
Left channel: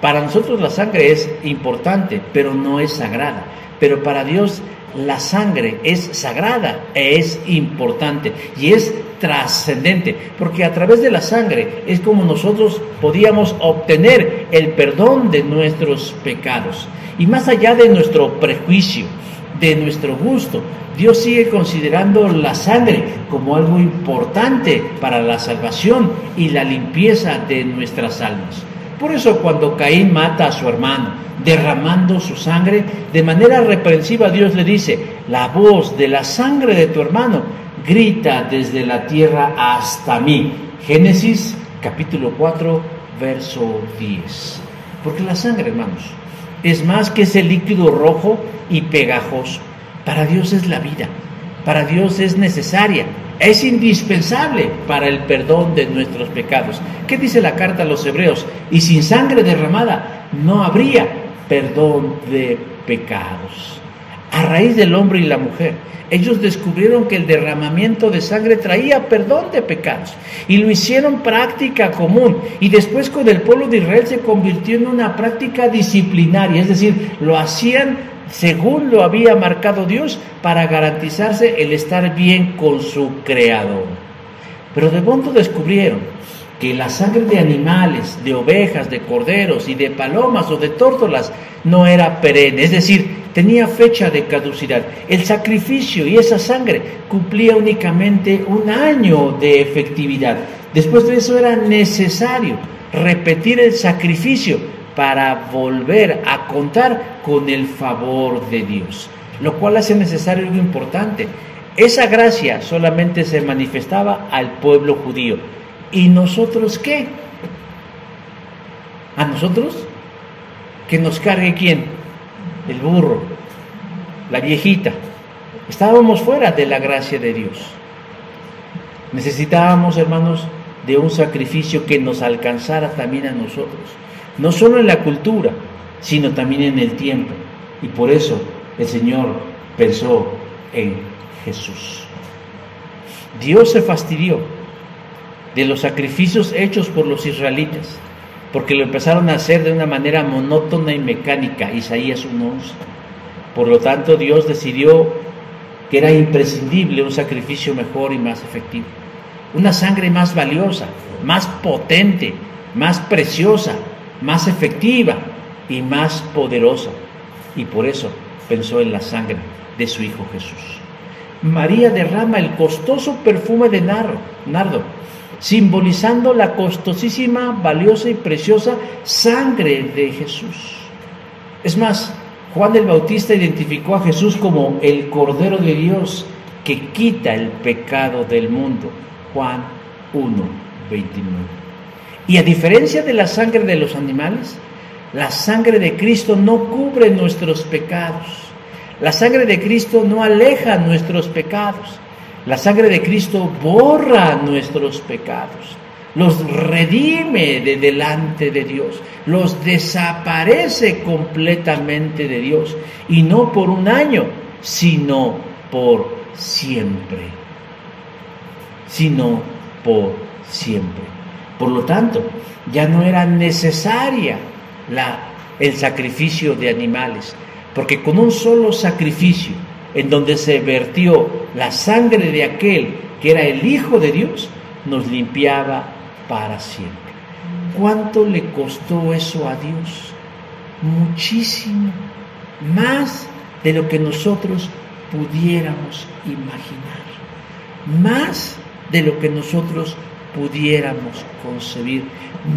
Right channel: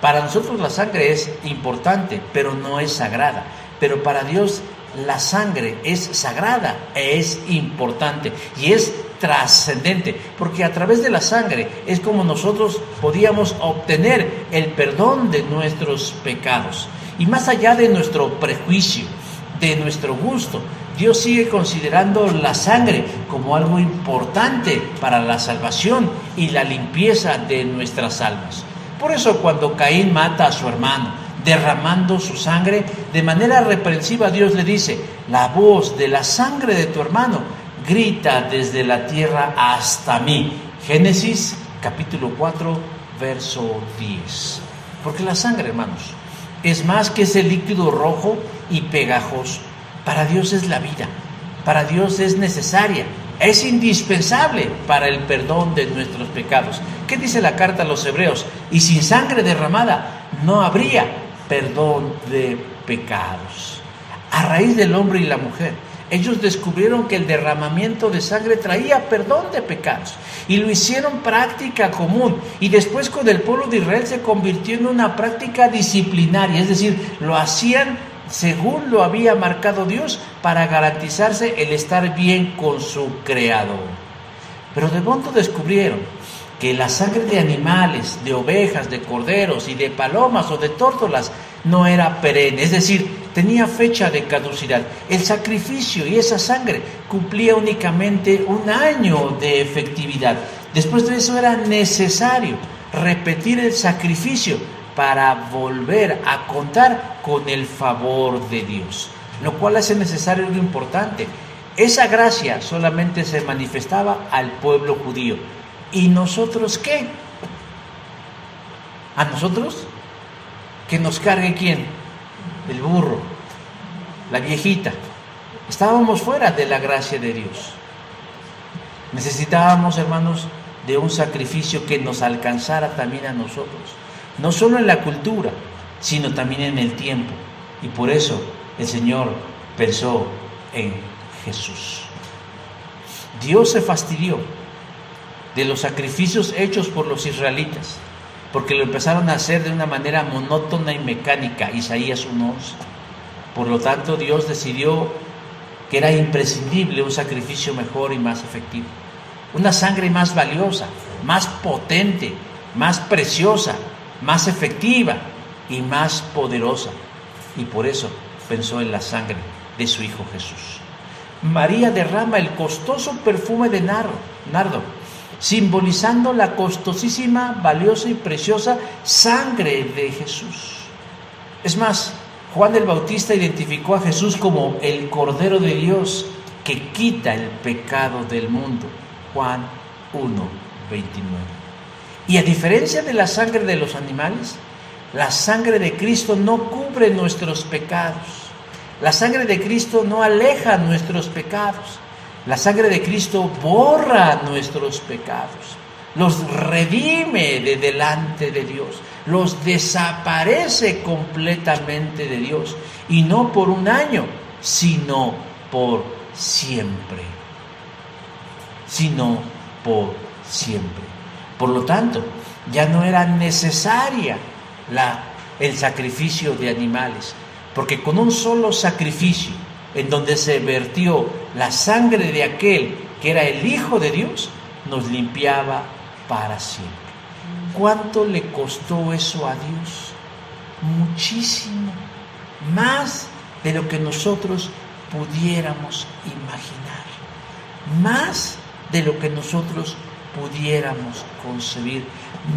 para nosotros la sangre es importante, pero no es sagrada. Pero para Dios la sangre es sagrada, es importante y es trascendente, porque a través de la sangre es como nosotros podíamos obtener el perdón de nuestros pecados. Y más allá de nuestro prejuicio, de nuestro gusto, Dios sigue considerando la sangre como algo importante para la salvación y la limpieza de nuestras almas. Por eso cuando Caín mata a su hermano, derramando su sangre, de manera reprensiva Dios le dice: la voz de la sangre de tu hermano grita desde la tierra hasta mí. Génesis capítulo 4, verso 10. Porque la sangre, hermanos, es más que ese líquido rojo y pegajoso. Para Dios es la vida, para Dios es necesaria, es indispensable para el perdón de nuestros pecados. ¿Qué dice la carta a los Hebreos? Y sin sangre derramada no habría perdón de pecados. A raíz del hombre y la mujer, ellos descubrieron que el derramamiento de sangre traía perdón de pecados y lo hicieron práctica común, y después con el pueblo de Israel se convirtió en una práctica disciplinaria, es decir, lo hacían según lo había marcado Dios para garantizarse el estar bien con su Creador. Pero de pronto descubrieron que la sangre de animales, de ovejas, de corderos y de palomas o de tórtolas no era perenne, es decir, tenía fecha de caducidad. El sacrificio y esa sangre cumplía únicamente un año de efectividad. Después de eso era necesario repetir el sacrificio para volver a contar con el favor de Dios, lo cual hace necesario algo importante. Esa gracia solamente se manifestaba al pueblo judío. ¿Y nosotros qué? ¿A nosotros? ¿Que nos cargue quién? El burro, la viejita. Estábamos fuera de la gracia de Dios. Necesitábamos, hermanos, de un sacrificio que nos alcanzara también a nosotros, no solo en la cultura, sino también en el tiempo. Y por eso el Señor pensó en Jesús. Dios se fastidió de los sacrificios hechos por los israelitas, porque lo empezaron a hacer de una manera monótona y mecánica. Isaías 1:11. Por lo tanto, Dios decidió que era imprescindible un sacrificio mejor y más efectivo, una sangre más valiosa, más potente, más preciosa, más efectiva y más poderosa. Y por eso pensó en la sangre de su Hijo Jesús. María derrama el costoso perfume de nardo, simbolizando la costosísima, valiosa y preciosa sangre de Jesús. Es más, Juan el Bautista identificó a Jesús como el Cordero de Dios que quita el pecado del mundo. Juan 1:29. Y a diferencia de la sangre de los animales, la sangre de Cristo no cubre nuestros pecados. La sangre de Cristo no aleja nuestros pecados. La sangre de Cristo borra nuestros pecados, los redime de delante de Dios, los desaparece completamente de Dios, y no por un año, sino por siempre. Sino por siempre. Por lo tanto, ya no era necesaria el sacrificio de animales, porque con un solo sacrificio, en donde se vertió la sangre de aquel que era el Hijo de Dios, nos limpiaba para siempre. ¿Cuánto le costó eso a Dios? Muchísimo, más de lo que nosotros pudiéramos imaginar, más de lo que nosotros pudiéramos concebir,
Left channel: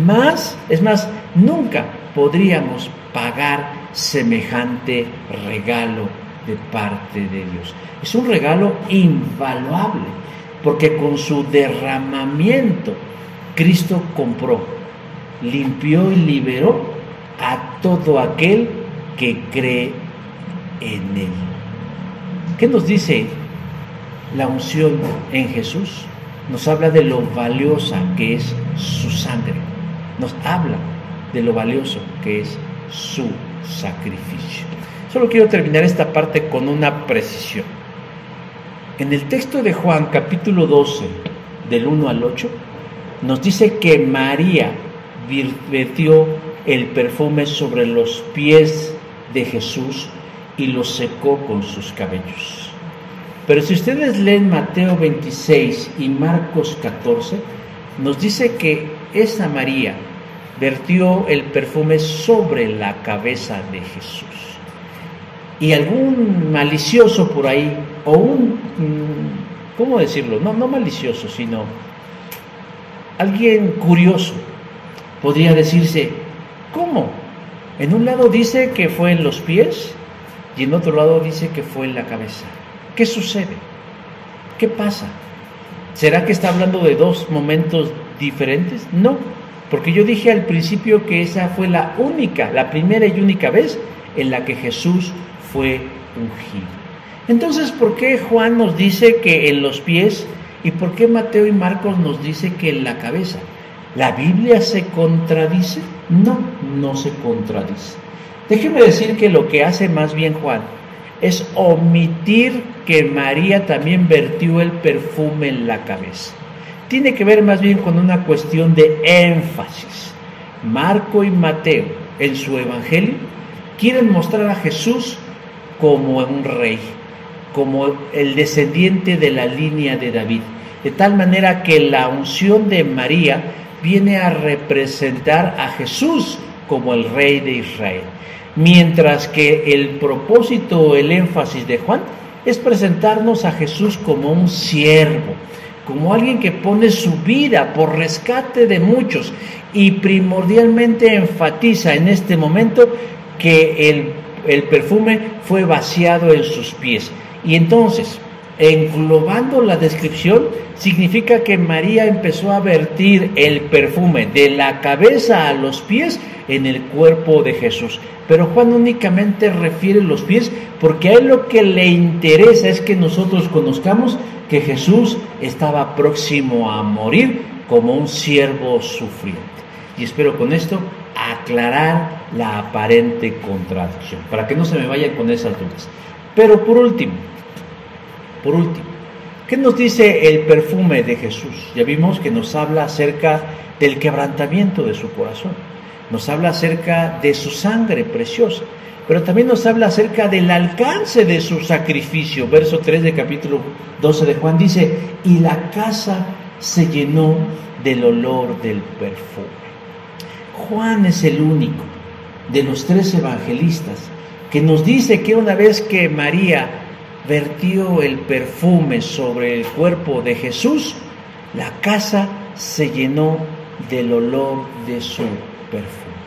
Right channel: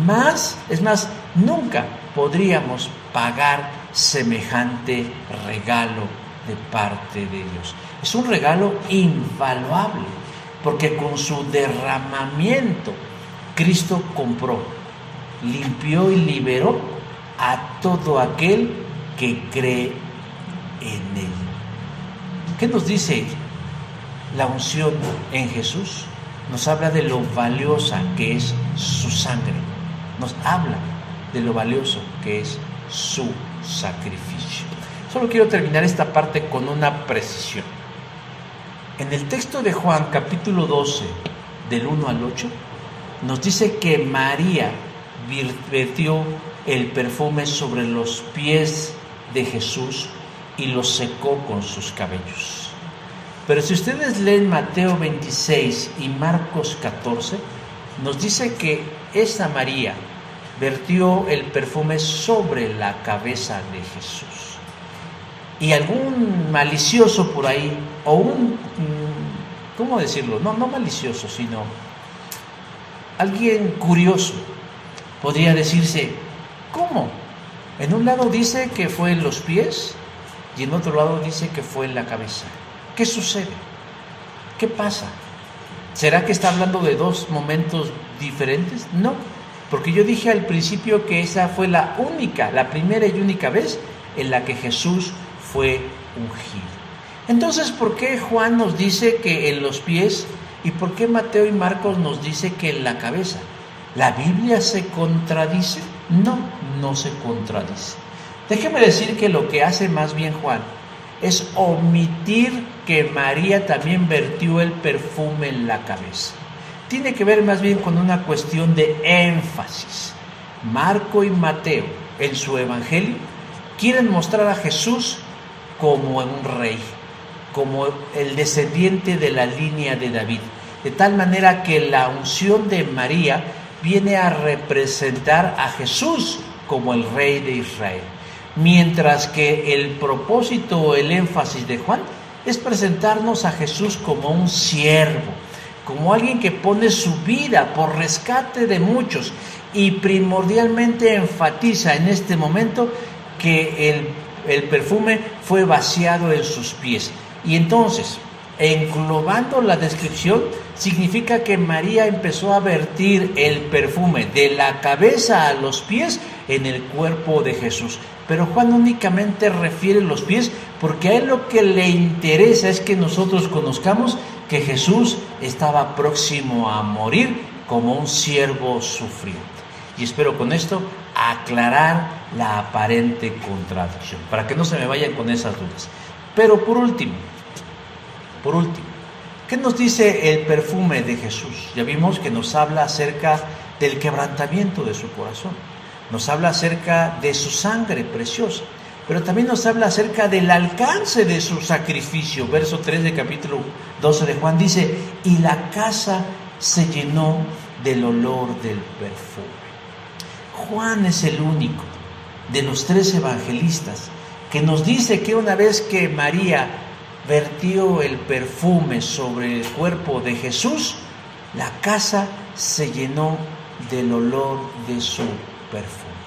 más, es más, nunca podríamos pagar semejante regalo de parte de Dios. Es un regalo invaluable, porque con su derramamiento Cristo compró, limpió y liberó a todo aquel que cree en Él. ¿Qué nos dice la unción en Jesús? Nos habla de lo valiosa que es su sangre, nos habla de lo valioso que es su sacrificio. Solo quiero terminar esta parte con una precisión. En el texto de Juan, capítulo 12, del 1 al 8, nos dice que María vertió el perfume sobre los pies de Jesús y los secó con sus cabellos. Pero si ustedes leen Mateo 26 y Marcos 14, nos dice que esa María vertió el perfume sobre la cabeza de Jesús. Y algún malicioso por ahí, o ¿cómo decirlo? No malicioso, sino alguien curioso, podría decirse, ¿cómo? En un lado dice que fue en los pies y en otro lado dice que fue en la cabeza. ¿Qué sucede? ¿Qué pasa? ¿Será que está hablando de dos momentos diferentes? No, porque yo dije al principio que esa fue la primera y única vez en la que Jesús fue ungido. Entonces, ¿por qué Juan nos dice que en los pies y por qué Mateo y Marcos nos dice que en la cabeza? ¿La Biblia se contradice? No, no se contradice. Déjeme decir que lo que hace más bien Juan es omitir que María también vertió el perfume en la cabeza. Tiene que ver más bien con una cuestión de énfasis. Marco y Mateo, en su evangelio, quieren mostrar a Jesús como un rey, como el descendiente de la línea de David, de tal manera que la unción de María viene a representar a Jesús como el rey de Israel, mientras que el propósito, el énfasis de Juan es presentarnos a Jesús como un siervo, como alguien que pone su vida por rescate de muchos, y primordialmente enfatiza en este momento que el perfume fue vaciado en sus pies. Y entonces, englobando la descripción, significa que María empezó a vertir el perfume de la cabeza a los pies en el cuerpo de Jesús. Pero Juan únicamente refiere los pies porque a él lo que le interesa es que nosotros conozcamos que Jesús estaba próximo a morir como un siervo sufriente. Y espero con esto aclarar la aparente contradicción, para que no se me vayan con esas dudas. Pero por último, ¿qué nos dice el perfume de Jesús? Ya vimos que nos habla acerca del quebrantamiento de su corazón. nos habla acerca de su sangre preciosa, pero también nos habla acerca del alcance de su sacrificio. Verso 3 del capítulo 12 de Juan dice: y la casa se llenó del olor del perfume. Juan es el único de los 3 evangelistas que nos dice que una vez que María vertió el perfume sobre el cuerpo de Jesús, la casa se llenó del olor de su perfume.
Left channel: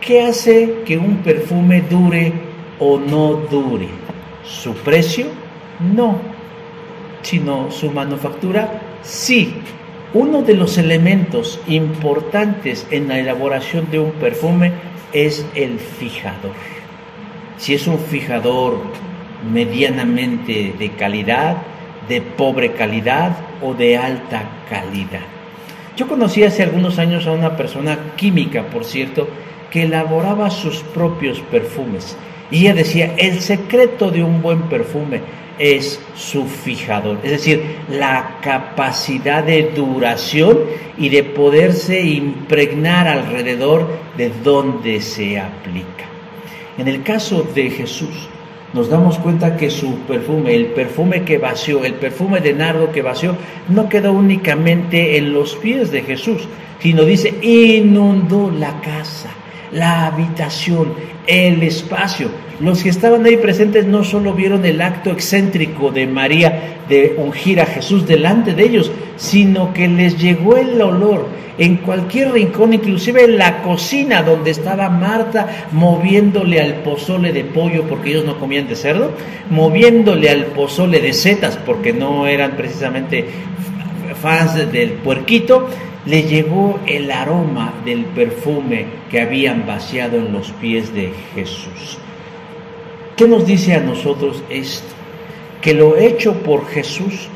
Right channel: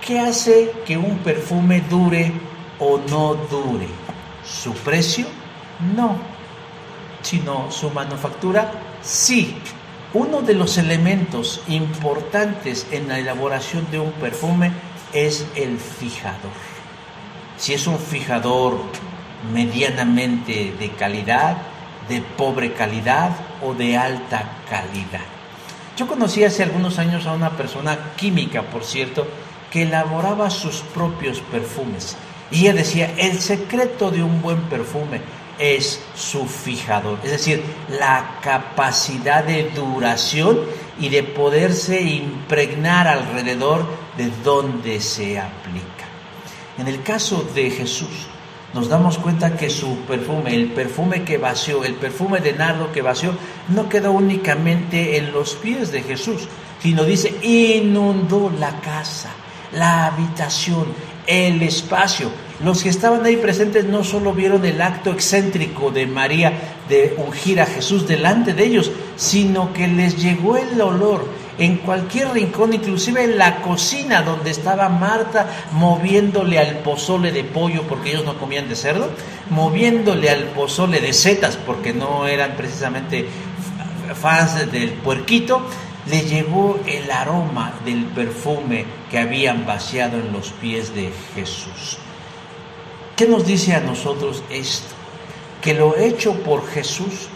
¿Qué hace que un perfume dure o no dure? ¿Su precio? No, sino su manufactura. Sí. Uno de los elementos importantes en la elaboración de un perfume es el fijador. Si es un fijador medianamente de calidad, de pobre calidad o de alta calidad. Yo conocí hace algunos años a una persona química, por cierto, que elaboraba sus propios perfumes. Y ella decía: el secreto de un buen perfume es su fijador, es decir, la capacidad de duración y de poderse impregnar alrededor de donde se aplica. En el caso de Jesús, nos damos cuenta que su perfume, el perfume que vació, el perfume de nardo que vació, no quedó únicamente en los pies de Jesús, sino dice, inundó la casa, la habitación, el espacio. Los que estaban ahí presentes no solo vieron el acto excéntrico de María de ungir a Jesús delante de ellos, sino que les llegó el olor en cualquier rincón, inclusive en la cocina donde estaba Marta moviéndole al pozole de pollo, porque ellos no comían de cerdo, moviéndole al pozole de setas, porque no eran precisamente fans del puerquito. Le llegó el aroma del perfume que habían vaciado en los pies de Jesús. ¿Qué nos dice a nosotros esto? Que lo hecho por Jesús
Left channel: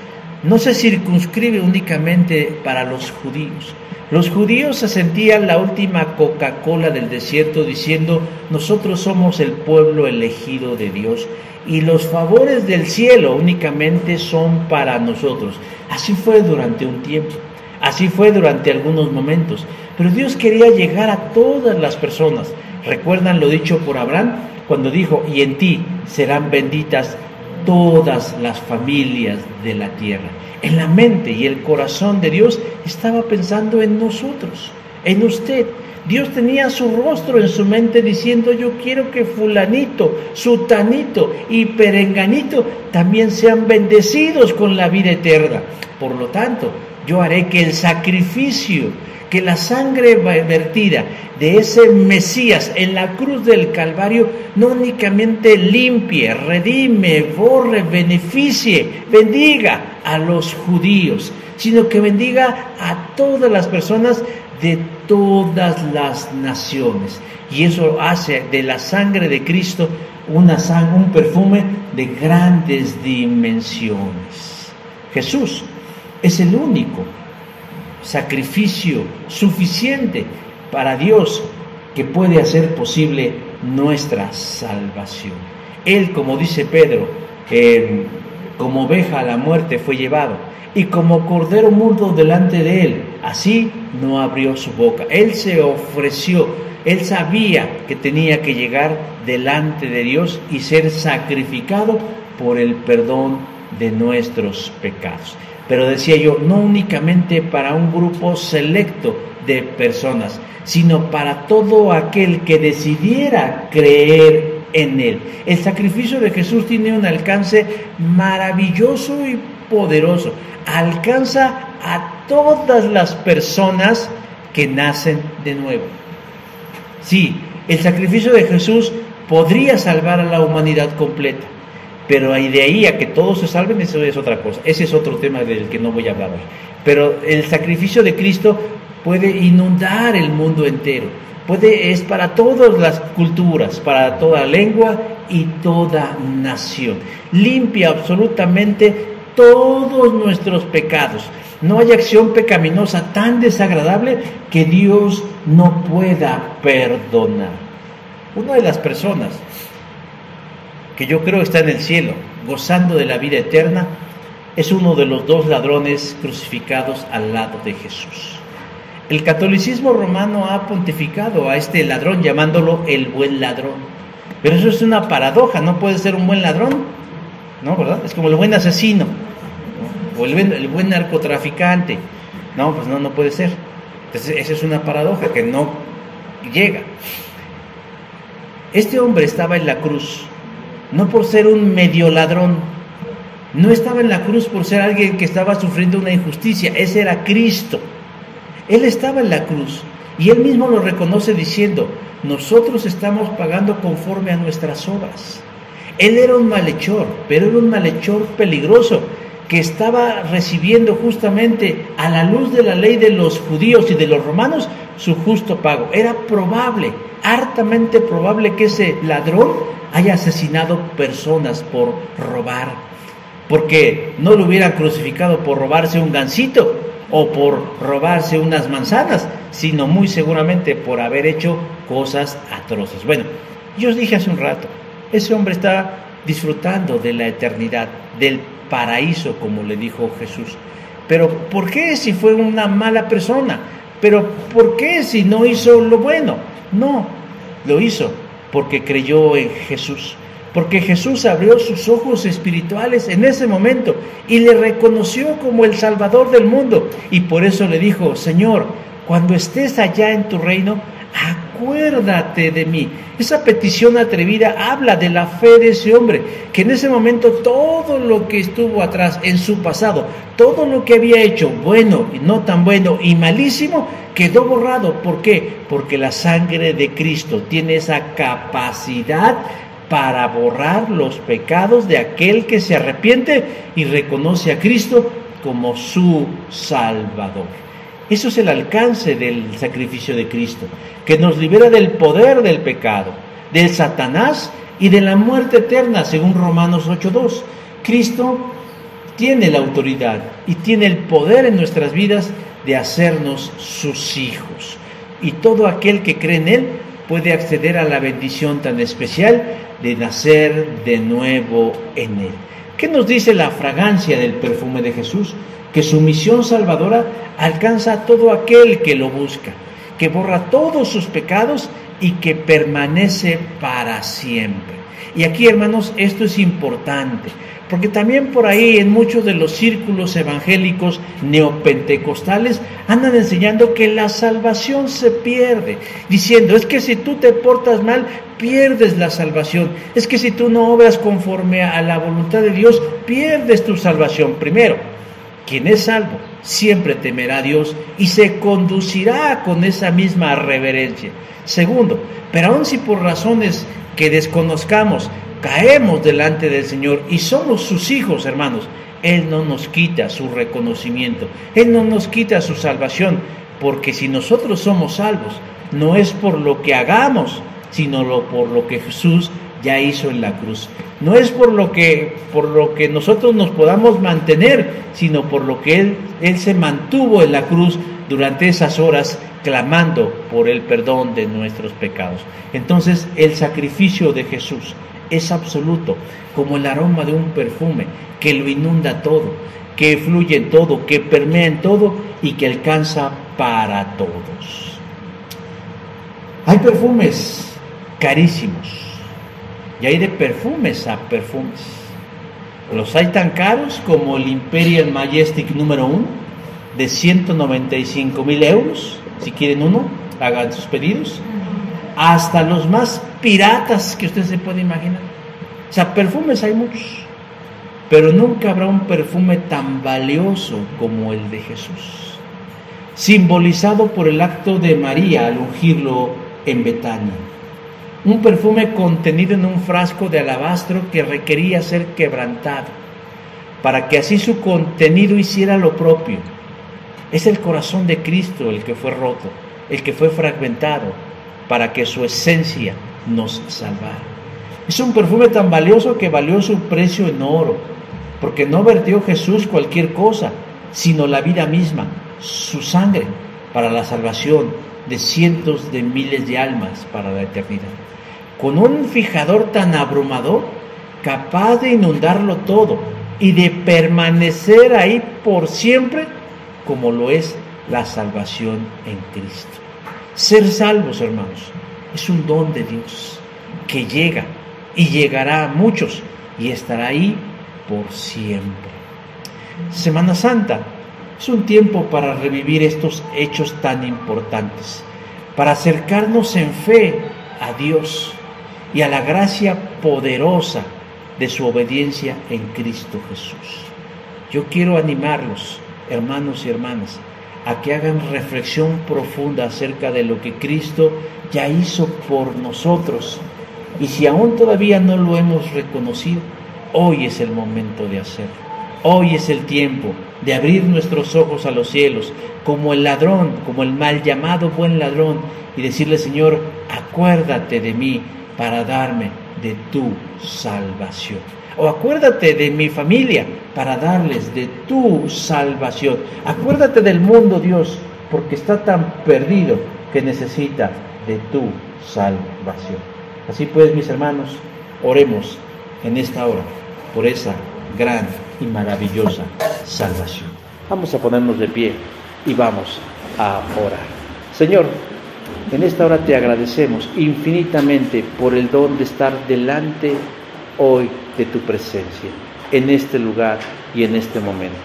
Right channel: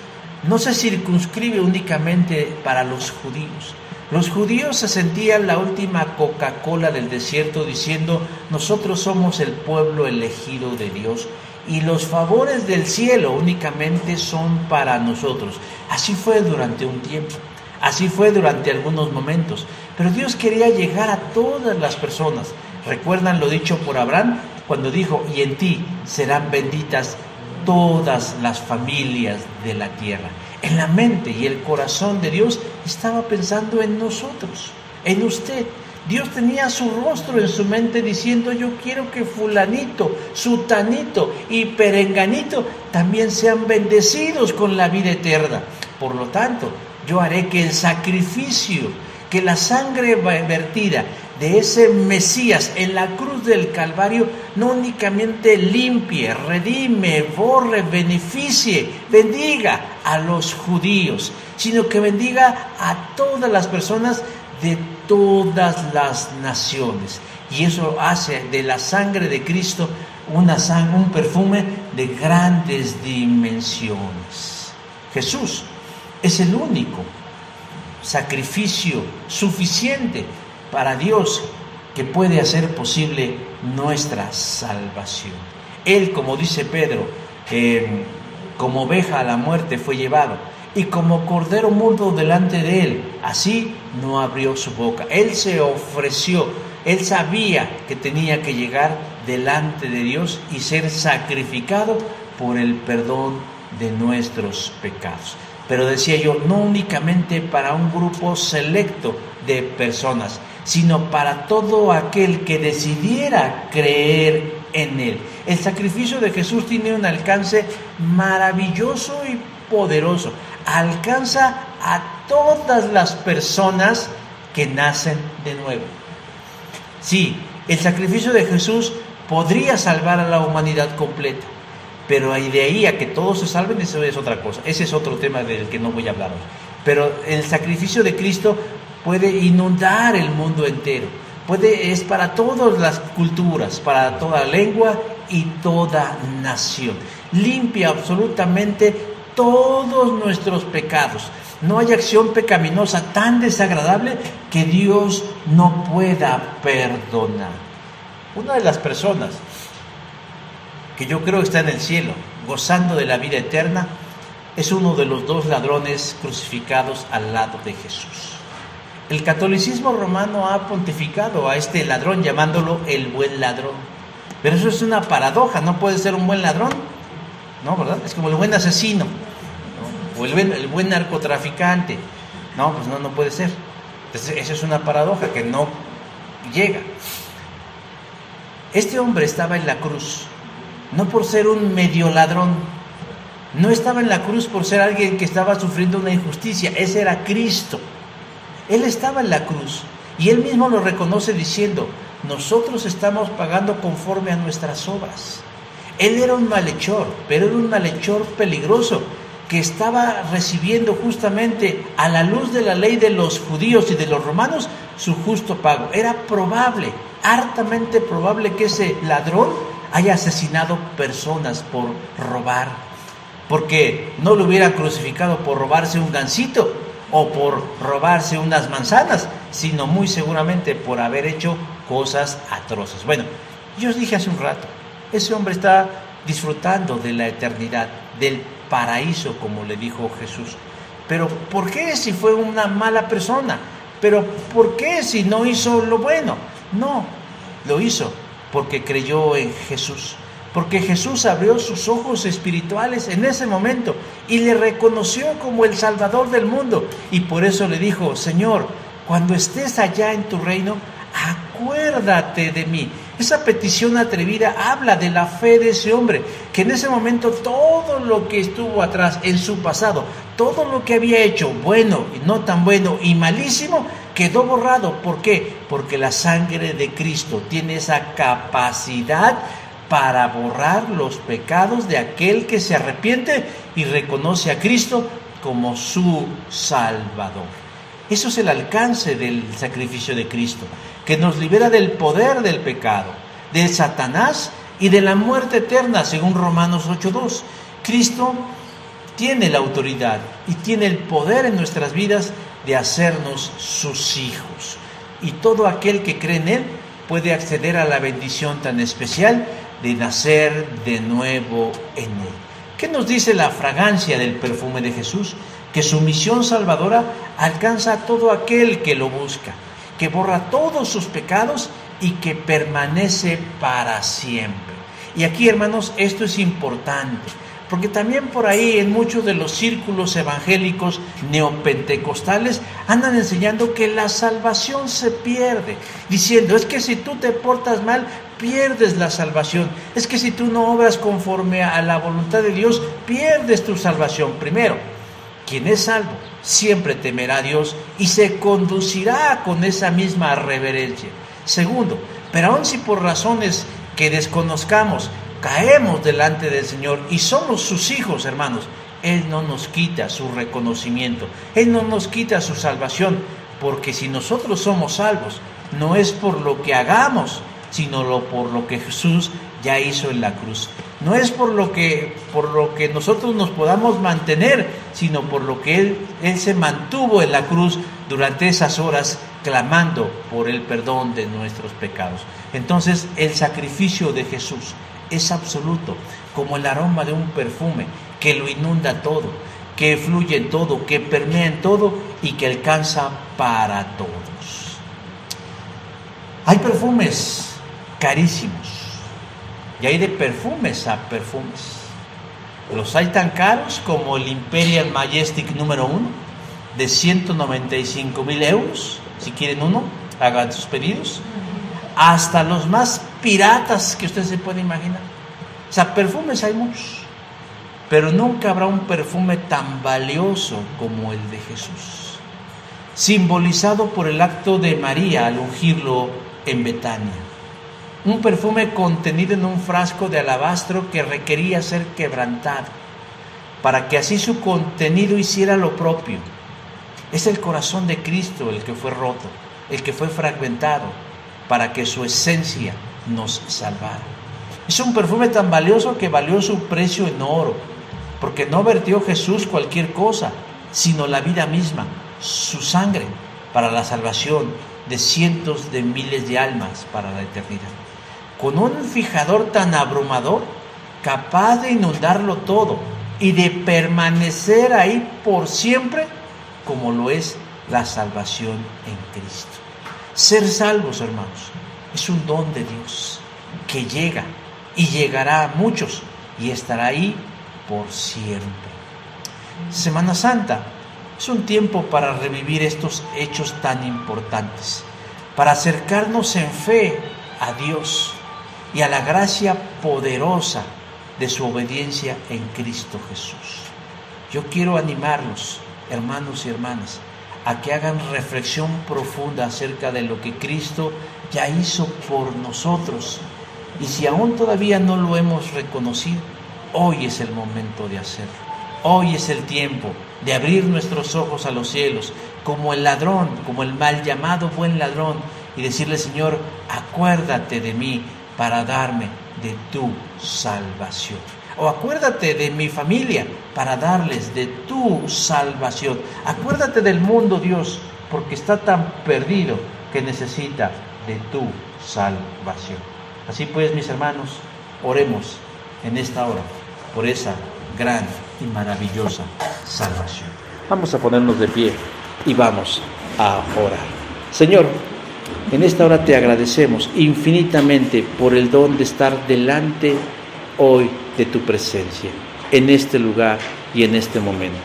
no se circunscribe únicamente para los judíos. Los judíos se sentían la última Coca-Cola del desierto diciendo: nosotros somos el pueblo elegido de Dios y los favores del cielo únicamente son para nosotros. Así fue durante un tiempo. Así fue durante algunos momentos, pero Dios quería llegar a todas las personas. ¿Recuerdan lo dicho por Abraham cuando dijo: y en ti serán benditas todas las familias de la tierra? En la mente y el corazón de Dios estaba pensando en nosotros, en usted. Dios tenía su rostro en su mente diciendo: yo quiero que fulanito, sutanito y perenganito también sean bendecidos con la vida eterna. Por lo tanto, yo haré que el sacrificio, que la sangre vertida de ese Mesías en la cruz del Calvario no únicamente limpie, redime, borre, beneficie, bendiga a los judíos, sino que bendiga a todas las personas de todas las naciones. Y eso hace de la sangre de Cristo un perfume de grandes dimensiones. Jesús es el único sacrificio suficiente para Dios que puede hacer posible nuestra salvación. Él, como dice Pedro, como oveja a la muerte fue llevado, y como cordero mudo delante de él, así no abrió su boca. Él se ofreció, él sabía que tenía que llegar delante de Dios y ser sacrificado por el perdón de nuestros pecados. Pero decía yo, no únicamente para un grupo selecto de personas, sino para todo aquel que decidiera creer en Él. El sacrificio de Jesús tiene un alcance maravilloso y poderoso. Alcanza a todas las personas que nacen de nuevo. Sí, el sacrificio de Jesús podría salvar a la humanidad completa, pero de ahí a que todos se salven, eso es otra cosa. Ese es otro tema del que no voy a hablar hoy. Pero el sacrificio de Cristo puede inundar el mundo entero. Es para todas las culturas, para toda lengua y toda nación. Limpia absolutamente todos nuestros pecados. No hay acción pecaminosa tan desagradable que Dios no pueda perdonar. Una de las personas que yo creo está en el cielo, gozando de la vida eterna, es uno de los 2 ladrones crucificados al lado de Jesús. El catolicismo romano ha pontificado a este ladrón llamándolo el buen ladrón. Pero eso es una paradoja, no puede ser un buen ladrón, ¿no? ¿Verdad? Es como el buen asesino, ¿no? O el buen narcotraficante. No, pues no puede ser. Entonces, eso es una paradoja que no llega. Este hombre estaba en la cruz, no por ser un medio ladrón, no estaba en la cruz por ser alguien que estaba sufriendo una injusticia, ese era Cristo. Él estaba en la cruz y él mismo lo reconoce diciendo: nosotros estamos pagando conforme a nuestras obras. Él era un malhechor, pero era un malhechor peligroso que estaba recibiendo justamente a la luz de la ley de los judíos y de los romanos su justo pago. Era probable, hartamente probable, que ese ladrón haya asesinado personas por robar, porque no lo hubieran crucificado por robarse un gansito o por robarse unas manzanas, sino muy seguramente por haber hecho cosas atroces. Bueno, yo os dije hace un rato, ese hombre está disfrutando de la eternidad, del paraíso, como le dijo Jesús. Pero ¿por qué si fue una mala persona? ¿Pero por qué si no hizo lo bueno? No, lo hizo porque creyó en Jesús. Porque Jesús abrió sus ojos espirituales en ese momento y le reconoció como el Salvador del mundo. Y por eso le dijo: Señor, cuando estés allá en tu reino, acuérdate de mí. Esa petición atrevida habla de la fe de ese hombre, que en ese momento todo lo que estuvo atrás en su pasado, todo lo que había hecho, bueno y no tan bueno y malísimo, quedó borrado. ¿Por qué? Porque la sangre de Cristo tiene esa capacidad para borrar los pecados de aquel que se arrepiente y reconoce a Cristo como su Salvador. Eso es el alcance del sacrificio de Cristo, que nos libera del poder del pecado, del Satanás y de la muerte eterna, según Romanos 8:2. Cristo tiene la autoridad y tiene el poder en nuestras vidas de hacernos sus hijos. Y todo aquel que cree en Él puede acceder a la bendición tan especial de nacer de nuevo en Él. ¿Qué nos dice la fragancia del perfume de Jesús? Que su misión salvadora alcanza a todo aquel que lo busca, que borra todos sus pecados y que permanece para siempre. Y aquí, hermanos, esto es importante, porque también por ahí en muchos de los círculos evangélicos neopentecostales andan enseñando que la salvación se pierde, diciendo: es que si tú te portas mal, pierdes la salvación. Es que si tú no obras conforme a la voluntad de Dios, pierdes tu salvación. Primero, quien es salvo siempre temerá a Dios y se conducirá con esa misma reverencia. Segundo, pero aun si por razones que desconozcamos caemos delante del Señor y somos sus hijos, hermanos, Él no nos quita su reconocimiento, Él no nos quita su salvación, porque si nosotros somos salvos, no es por lo que hagamos, sino por lo que Jesús ya hizo en la cruz. No es por lo que nosotros nos podamos mantener, sino por lo que Él se mantuvo en la cruz durante esas horas, clamando por el perdón de nuestros pecados. Entonces, el sacrificio de Jesús es absoluto, como el aroma de un perfume que lo inunda todo, que fluye en todo, que permea en todo y que alcanza para todos. Hay perfumes carísimos y hay de perfumes a perfumes. Los hay tan caros como el Imperial Majestic número 1 de 195,000 euros. Si quieren uno, hagan sus pedidos. Hasta los más piratas que usted se puede imaginar. O sea, perfumes hay muchos, pero nunca habrá un perfume tan valioso como el de Jesús, simbolizado por el acto de María al ungirlo en Betania. Un perfume contenido en un frasco de alabastro que requería ser quebrantado, para que así su contenido hiciera lo propio. Es el corazón de Cristo el que fue roto, el que fue fragmentado, para que su esencia nos salvara. Es un perfume tan valioso que valió su precio en oro, porque no vertió Jesús cualquier cosa, sino la vida misma, su sangre, para la salvación de cientos de miles de almas para la eternidad. Con un fijador tan abrumador, capaz de inundarlo todo y de permanecer ahí por siempre, como lo es la salvación en Cristo. Ser salvos, hermanos, es un don de Dios que llega y llegará a muchos y estará ahí por siempre. Semana Santa es un tiempo para revivir estos hechos tan importantes, para acercarnos en fe a Dios y a la gracia poderosa de su obediencia en Cristo Jesús. Yo quiero animarlos, hermanos y hermanas, a que hagan reflexión profunda acerca de lo que Cristo ya hizo por nosotros. Y si aún todavía no lo hemos reconocido, hoy es el momento de hacerlo. Hoy es el tiempo de abrir nuestros ojos a los cielos, como el ladrón, como el mal llamado buen ladrón, y decirle: Señor, acuérdate de mí para darme de tu salvación. O acuérdate de mi familia para darles de tu salvación. Acuérdate del mundo, Dios, porque está tan perdido que necesita de tu salvación. Así pues, mis hermanos, oremos en esta hora por esa gran y maravillosa salvación. Vamos a ponernos de pie y vamos a orar. Señor, en esta hora te agradecemos infinitamente por el don de estar delante hoy de tu presencia, en este lugar y en este momento,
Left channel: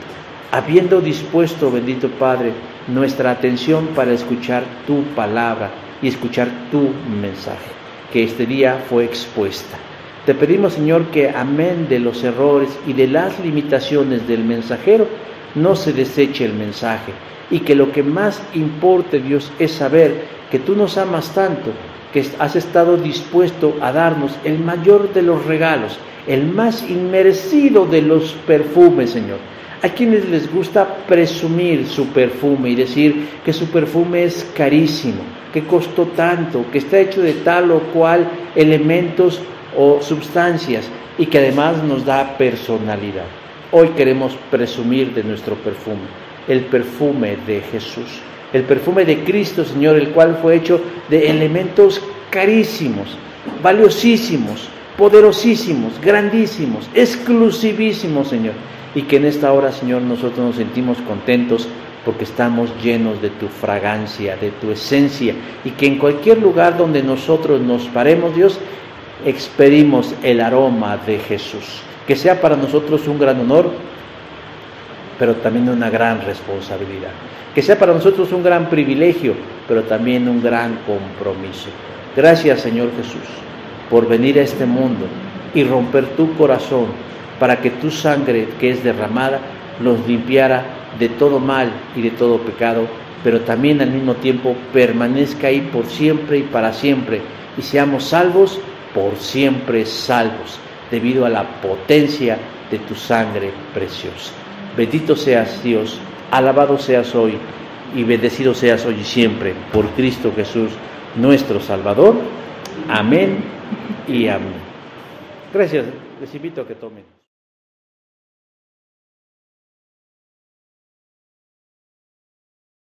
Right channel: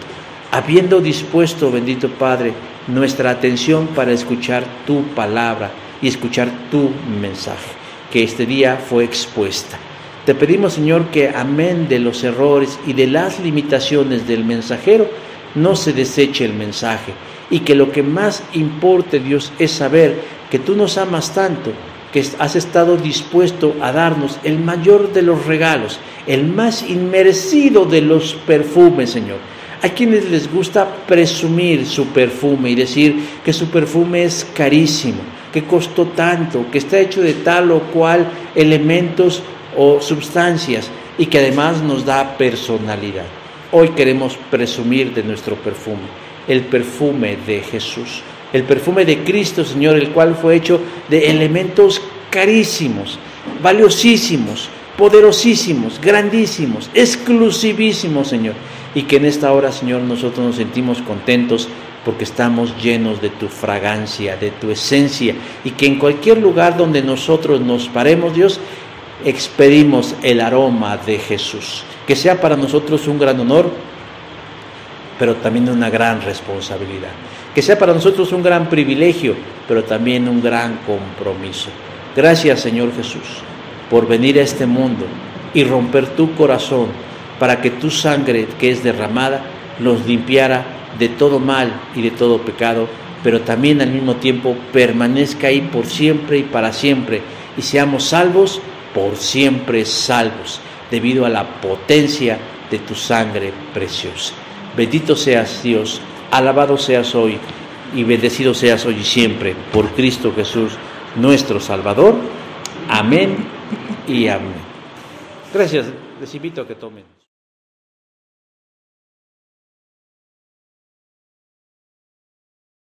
habiendo dispuesto, bendito Padre, nuestra atención para escuchar tu palabra y escuchar tu mensaje, que este día fue expuesta. Te pedimos, Señor, que amén de los errores y de las limitaciones del mensajero, no se deseche el mensaje, y que lo que más importe, Dios, es saber que tú nos amas tanto, que has estado dispuesto a darnos el mayor de los regalos, el más inmerecido de los perfumes, Señor. Hay quienes les gusta presumir su perfume y decir que su perfume es carísimo, que costó tanto, que está hecho de tal o cual elementos o sustancias y que además nos da personalidad. Hoy queremos presumir de nuestro perfume, el perfume de Jesús, el perfume de Cristo, Señor, el cual fue hecho de elementos carísimos, valiosísimos, poderosísimos, grandísimos, exclusivísimos, Señor, y que en esta hora, Señor, nosotros nos sentimos contentos porque estamos llenos de tu fragancia, de tu esencia, y que en cualquier lugar donde nosotros nos paremos, Dios, expedimos el aroma de Jesús. Que sea para nosotros un gran honor, pero también una gran responsabilidad. Que sea para nosotros un gran privilegio, pero también un gran compromiso. Gracias, Señor Jesús, por venir a este mundo y romper tu corazón para que tu sangre que es derramada nos limpiara de todo mal y de todo pecado, pero también al mismo tiempo permanezca ahí por siempre y para siempre, y seamos salvos por siempre salvos, debido a la potencia de tu sangre preciosa. Bendito seas, Dios, alabado seas hoy y bendecido seas hoy y siempre por Cristo Jesús, nuestro Salvador. Amén y amén. Gracias, les invito a que tomen.